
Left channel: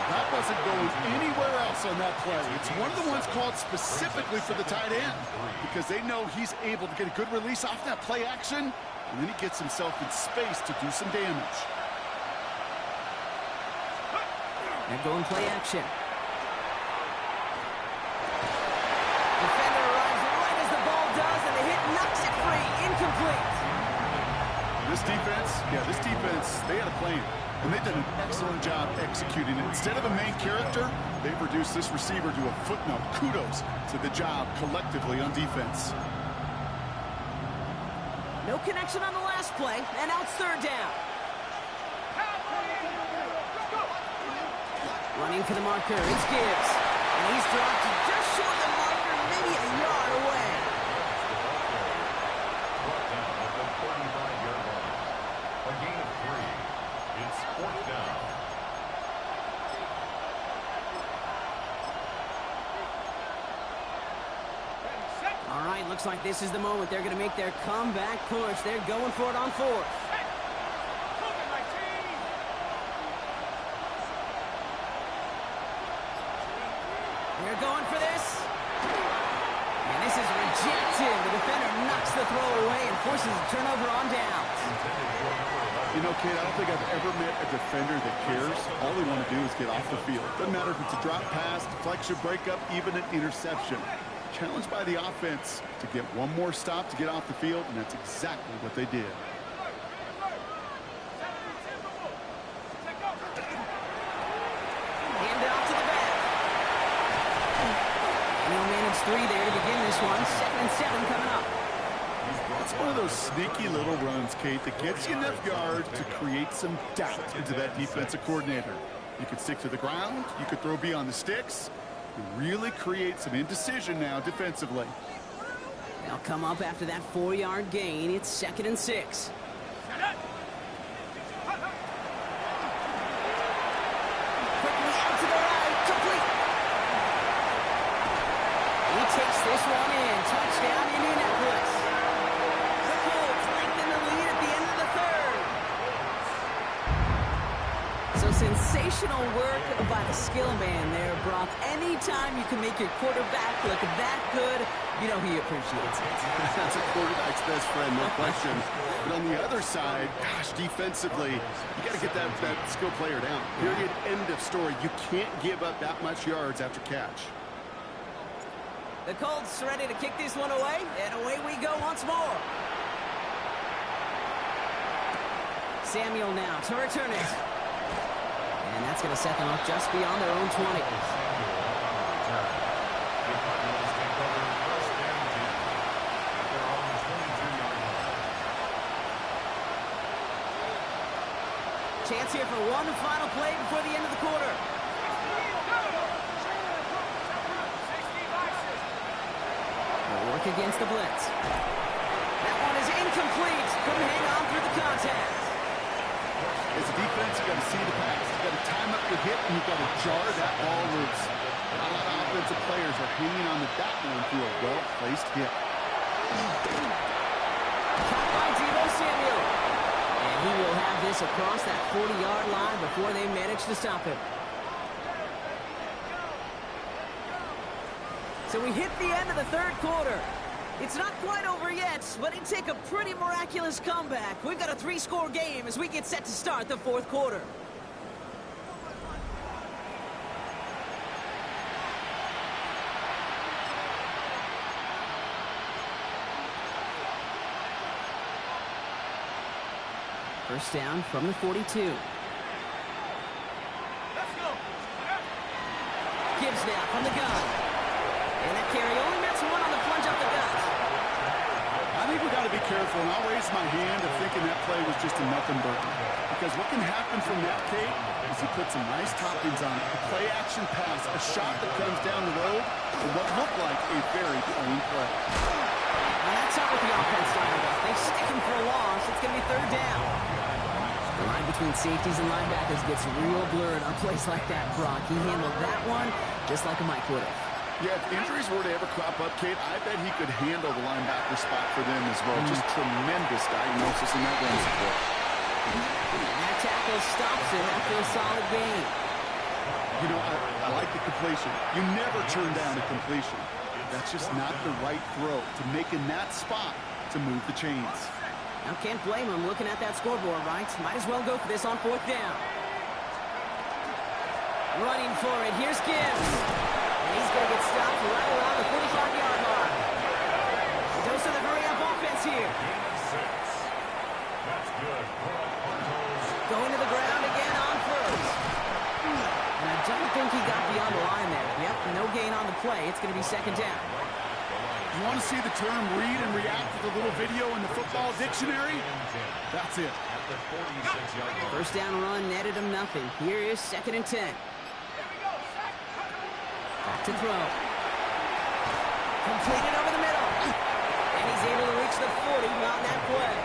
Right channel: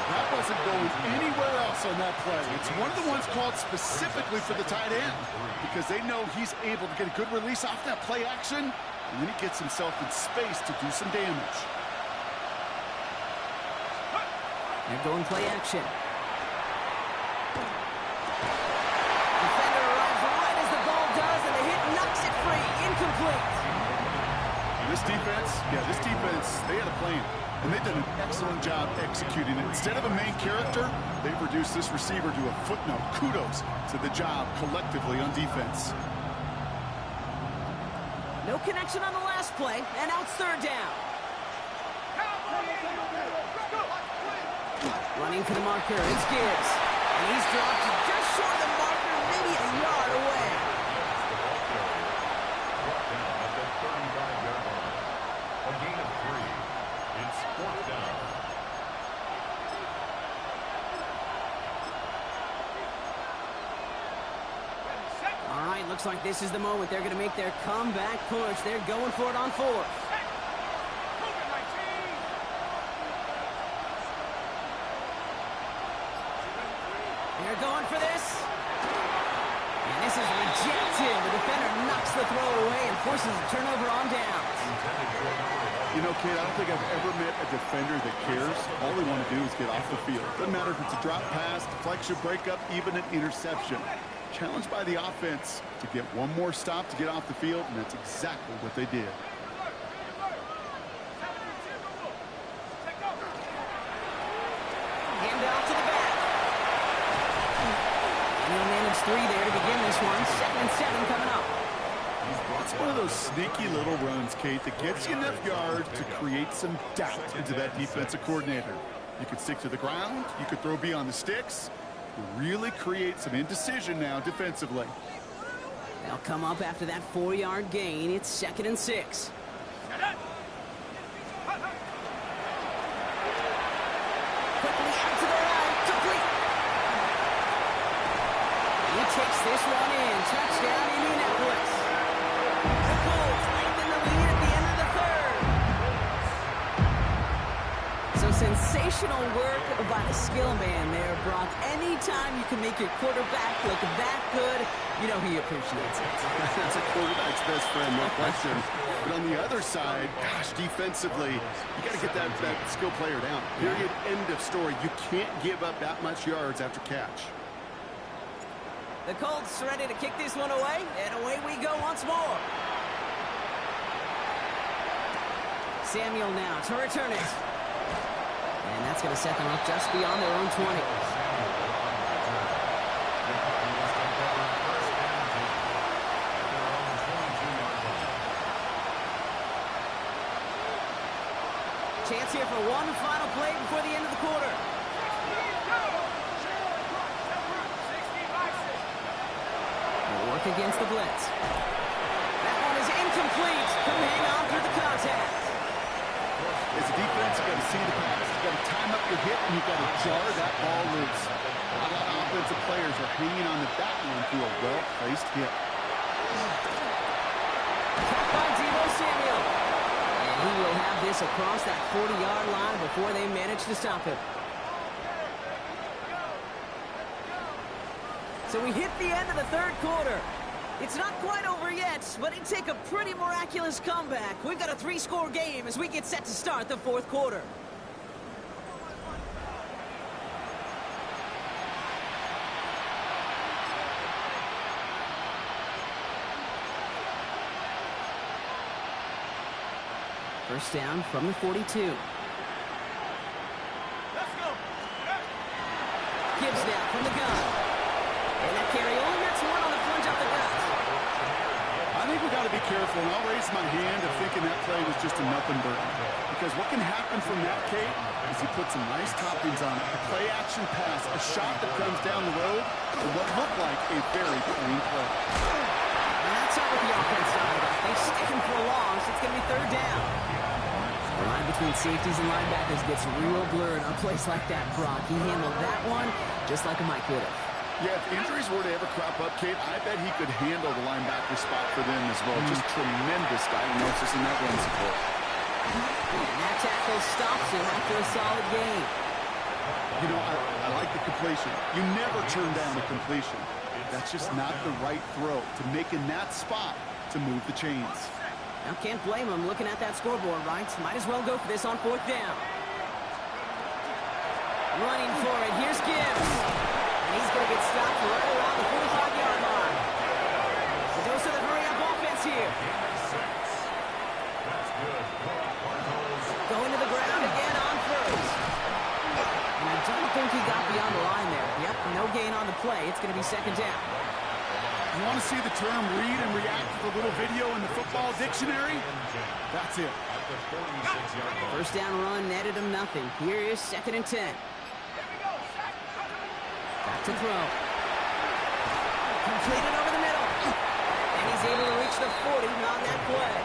That wasn't going anywhere else on that play. It's one of the ones called specifically for the tight end because they know he's able to get a good release off that play action, and then he gets himself in space to do some damage. They're going play action. Defender arrives right as the ball does, and the hit knocks it free. Incomplete. This defense, they had a plan, and they did an excellent job executing it. Instead of a main character, they've reduced this receiver to a footnote. Kudos to the job collectively on defense. No connection on the last play, and now it's 3rd down. Running for the marker, it's Gibbs. And he's dropped just short of the marker, maybe a yard away. The ball carrier brought down at the 35-yard line. A gain of 3. It's 4th down. All right, looks like this is the moment. They're going to make their comeback push. They're going for it on 4th. They're going for this. And this is rejected. The defender knocks the throw away and forces a turnover on downs. Intended for number 11. You know, kid, I don't think I've ever met a defender that cares. All they want to do is get off the field. Doesn't matter if it's a drop pass, deflection, breakup, even an interception. Challenged by the offense to get one more stop to get off the field, and that's exactly what they did. Hand off to the back. And he'll manage 3 there to begin this one. 2nd and 7 coming up. It's one of those sneaky little runs, Kate, that gets you enough yards to create some doubt into that defensive coordinator. You could stick to the ground. You could throw beyond the sticks. You really create some indecision now defensively. They'll come up after that 4-yard gain. It's 2nd and 6. Quickly out to the right. Complete. He takes this one in. Touchdown, Indianapolis. The Colts lengthen the lead at the end of the 3rd. So sensational work by the skill man there, Brock. Anytime you can make your quarterback look that good, you know he appreciates it. That's a quarterback's best friend, no question. But on the other side, gosh, defensively, you got to get that skill player down. Period, end of story. You can't give up that much yards after catch. The Colts ready to kick this one away, and away we go once more. Samuel now to return it. And that's going to set them up just beyond their own 20. Chance here for one final play before the end of the quarter. They'll work against the blitz. That one is incomplete. Couldn't hang on through the contact. As a defense, you got to see the pass. You got to time up your hit, and you got to jar that ball loose. A lot of offensive players are hanging on to that one through a well-placed hit. Caught by Deebo Samuel. And he will have this across that 40-yard line before they manage to stop him. So we hit the end of the 3rd quarter. It's not quite over yet, but it'd take a pretty miraculous comeback. We've got a 3-score game as we get set to start the 4th quarter. First down from the 42. Let's go. Gibbs now from the gun. And that carry only nets 1 on the plunge up the gut. I think we got to be careful, and I'll raise my hand of thinking that play was just a nothing burger. Because what can happen from that, Kate, is he puts some nice toppings on it. A play-action pass, a shot that comes down the road, and what looked like a very plain play. And that's not what the offense started about. They stick him for a loss. It's going to be 3rd down. The line between safeties and linebackers gets real blurred on plays like that, Brock. He handled that one just like a Mike would have. Yeah, if injuries were to ever crop up, Kate, I bet he could handle the linebacker spot for them as well. Just tremendous diagnosis in that run support. And that tackle stops him after a solid gain. You know, I like the completion. You never turn down a completion. That's just not the right throw to make in that spot to move the chains. Now, can't blame him looking at that scoreboard, right? Might as well go for this on 4th down. Running for it. Here's Gibbs. And he's going to get stopped right around the 45-yard line. The dose of the hurry-up offense here. That's good. Going to the ground again on 1st. And I don't think he got beyond the line there. Yep, no gain on the play. It's going to be 2nd down. You want to see the term read and react with a little video in the football dictionary? That's it. First down run netted him nothing. Here is 2nd and 10. Back to throw. Completed over the middle. And he's able to reach the 40 on that play.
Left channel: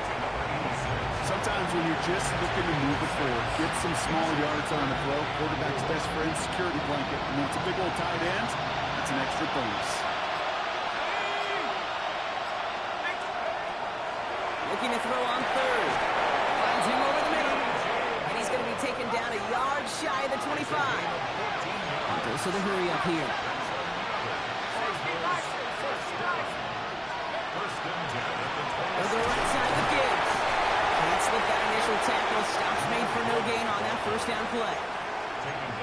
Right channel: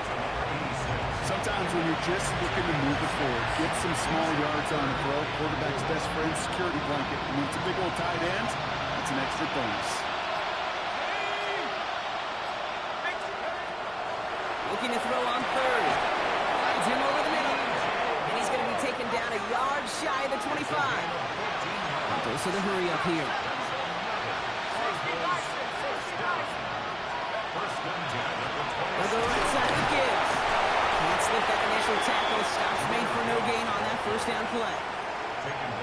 Sometimes when you're just looking to move it forward, get some small yards on the throw, quarterback's best friend, security blanket. And when it's a big old tight end, that's an extra bonus. Looking to throw on 3rd. Finds him over the middle. And he's going to be taken down a yard shy of the 25. Dose of the hurry up here. They'll go right side with Gibbs. Can't slip that initial tackle. Stops made for no gain on that first down play.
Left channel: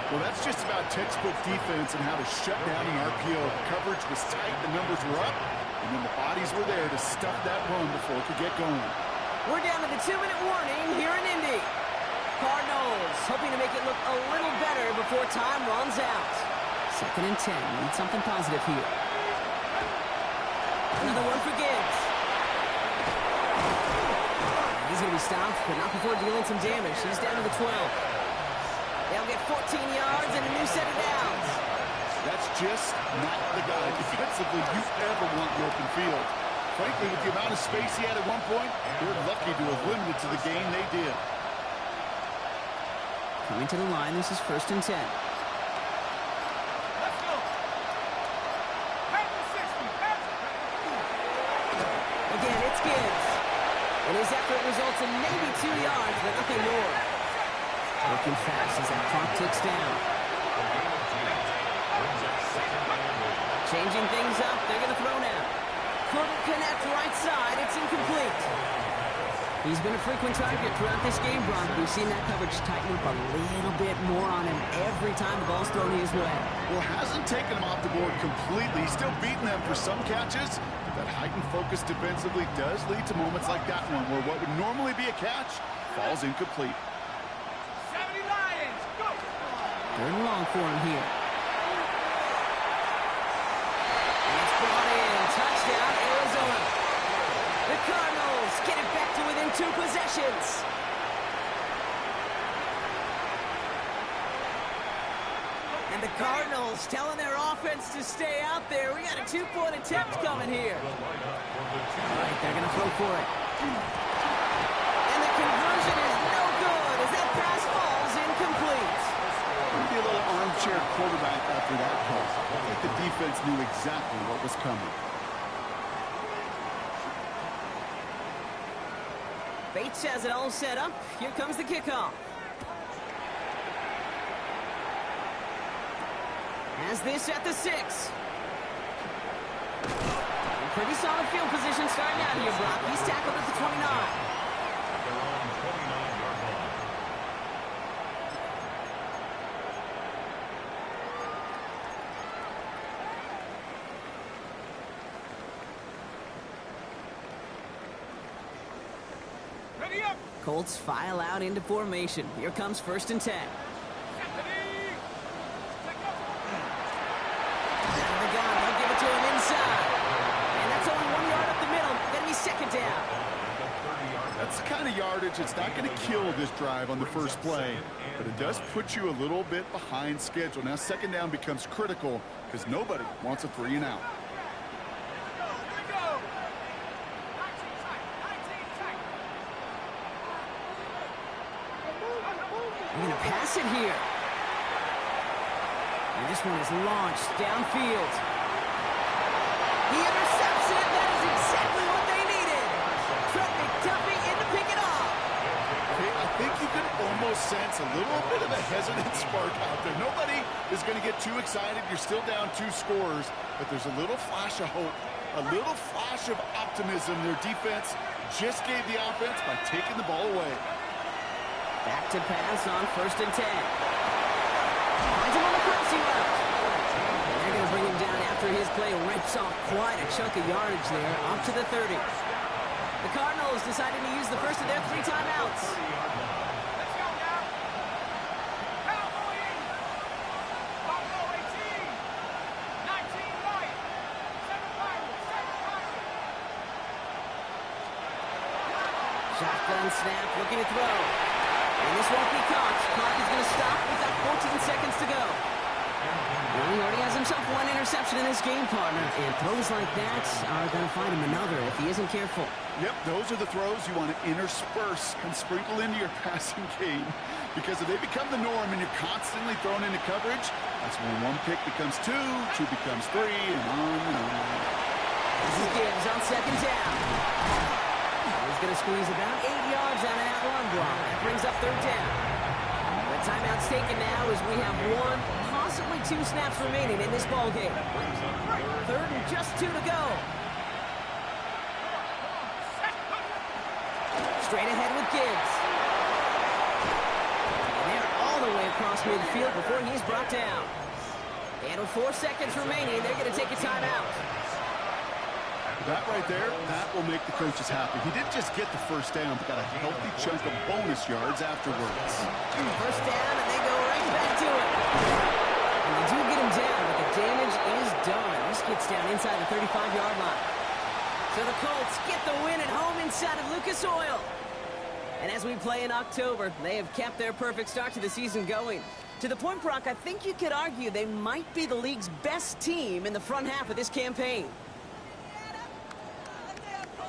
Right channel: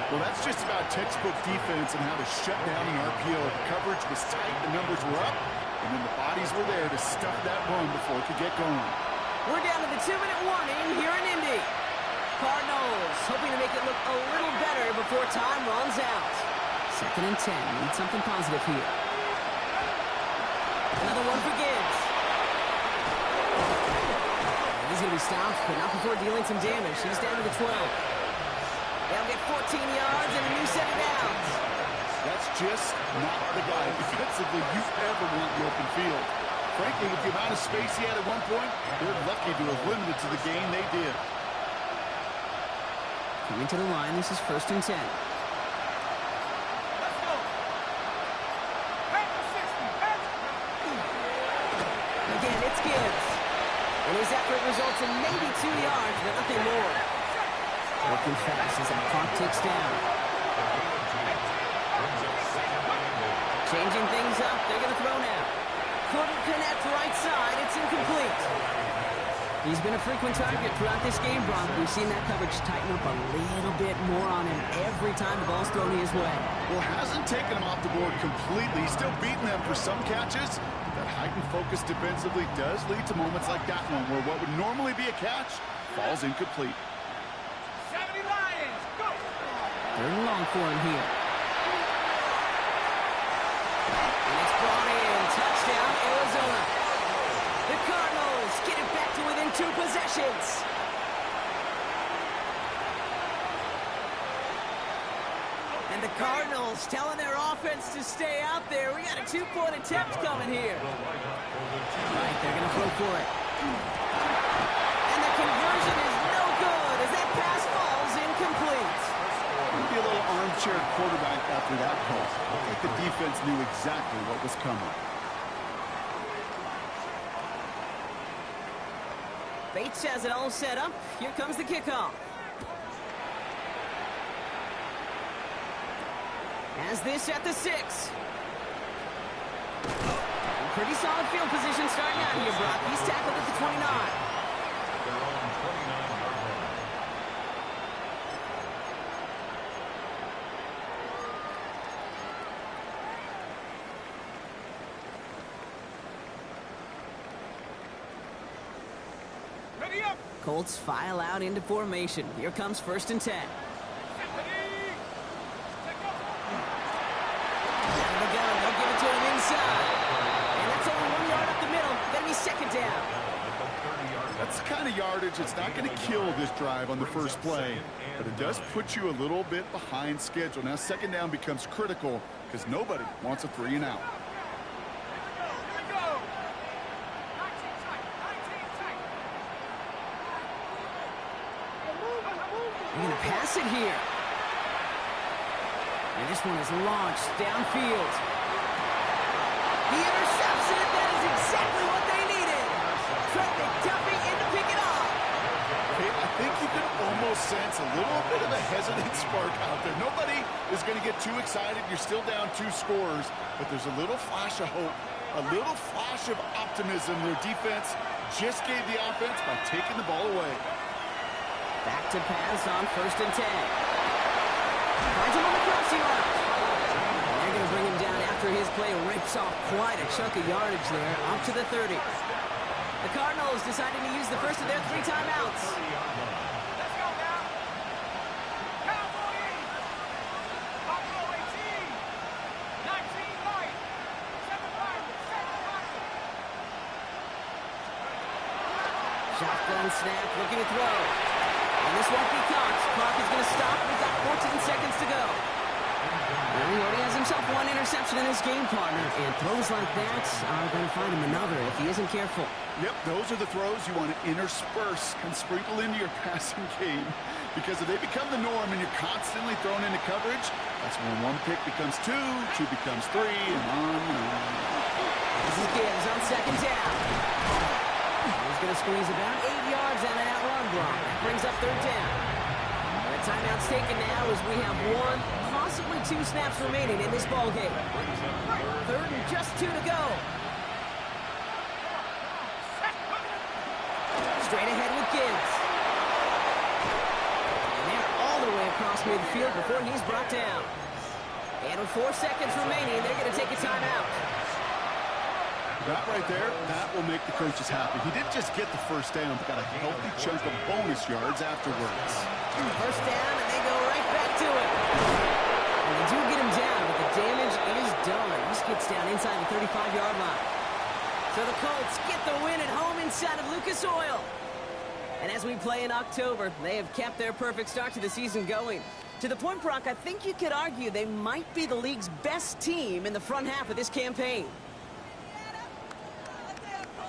Well, that's just about textbook defense and how to shut down an RPO. The coverage was tight, the numbers were up, and then the bodies were there to stuff that run before it could get going. We're down to the 2-minute warning here in Indy. Cardinals hoping to make it look a little better before time runs out. 2nd and 10. Need something positive here. Another one for Gibbs. He's going to be stopped, but not before dealing some damage. He's down to the 12. They'll get 14 yards and a new set of downs. That's just not the guy defensively you ever want in the open field. Frankly, with the amount of space he had at one point, they're lucky to have limited to the game they did. Coming to the line, this is 1st and 10. Let's go. Head to 60. Head. Again, it's Gibbs. And his effort results in maybe 2 yards, but nothing more. Working fast as that clock ticks down. Changing things up. They're going to throw now. Couldn't connect right side. It's incomplete. He's been a frequent target throughout this game, Brock. We've seen that coverage tighten up a little bit more on him every time the ball's thrown his way. Well, hasn't taken him off the board completely. He's still beating them for some catches, but that heightened focus defensively does lead to moments like that one where what would normally be a catch falls incomplete. 70 Lions. Go. 3rd and long for him here. And it's brought in. Touchdown, Arizona. The Cardinals get it back to within 2 possessions. And the Cardinals telling their offense to stay out there. We got a 2-point attempt coming here. All right, they're going to throw for it. And the conversion is no good as that pass falls incomplete. Maybe a little armchair quarterback after that call. I think the defense knew exactly what was coming. Bates has it all set up. Here comes the kickoff. Has this at the 6. Pretty solid field position starting out here, Brock. He's tackled at the 29. At their own 29-yard line. Ready up. Colts file out into formation. Here comes 1st and 10. Ready. Take off. Out of the gun. They'll give it to him inside. And that's only 1 yard up the middle. Gonna be 2nd down. That's the kind of yardage that's not going to kill this drive on the first play, but it does put you a little bit behind schedule. Now 2nd down becomes critical because nobody wants a 3 and out. Here we go. 19 tight. 19 tight. They're gonna pass it here. And this one is launched downfield. He intercepts it. That is exactly what they needed. Trent McDuffie in to pick it off. Okay, I think you can almost sense a little bit of a hesitant spark out there. Nobody is going to get too excited. You're still down 2 scores, but there's a little flash of hope, a little flash of optimism. Their defense just gave the offense by taking the ball away. Back to pass on 1st and 10. Finds him on the crossing route. And they're going to bring him down after his play rips off quite a chunk of yardage there, up to the 30. The Cardinals deciding to use the first of their 3 timeouts. Let's go now. Cowboy 80. Buffalo 18. 19 Lions. 7 Lions. 7 Lions. Shotgun snap, looking to throw. And this won't be caught. Clock is going to stop. We've got 14 seconds to go. Well, he already has himself 1 interception in this game, partner. And throws like that are going to find him another if he isn't careful. Yep, those are the throws you want to intersperse and sprinkle into your passing game. Because if they become the norm and you're constantly thrown into coverage, that's when 1 pick becomes 2, 2 becomes 3, and on and on. This is Gibbs on 2nd down. He's going to squeeze about 8 yards out of that run block. That brings up 3rd down. The timeout's taken now as we have 1, possibly 2 snaps remaining in this ball game. 3rd and just 2 to go. Straight ahead with Gibbs. And they're all the way across midfield before he's brought down. And with 4 seconds remaining, they're going to take a timeout. That right there, that will make the coaches happy. He didn't just get the first down, but got a healthy chunk of bonus yards afterwards. First down, and they go right back to it. And they do get him down, but the damage is done. He gets down inside the 35-yard line. So the Colts get the win at home inside of Lucas Oil. And as we play in October, they have kept their perfect start to the season going. To the point, Brock, I think you could argue they might be the league's best team in the front half of this campaign.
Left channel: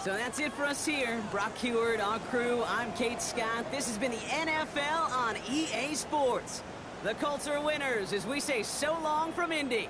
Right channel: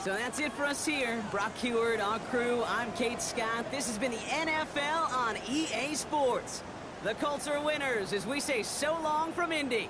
So that's it for us here. Brock Heward, our crew, I'm Kate Scott. This has been the NFL on EA Sports. The Colts are winners as we say so long from Indy.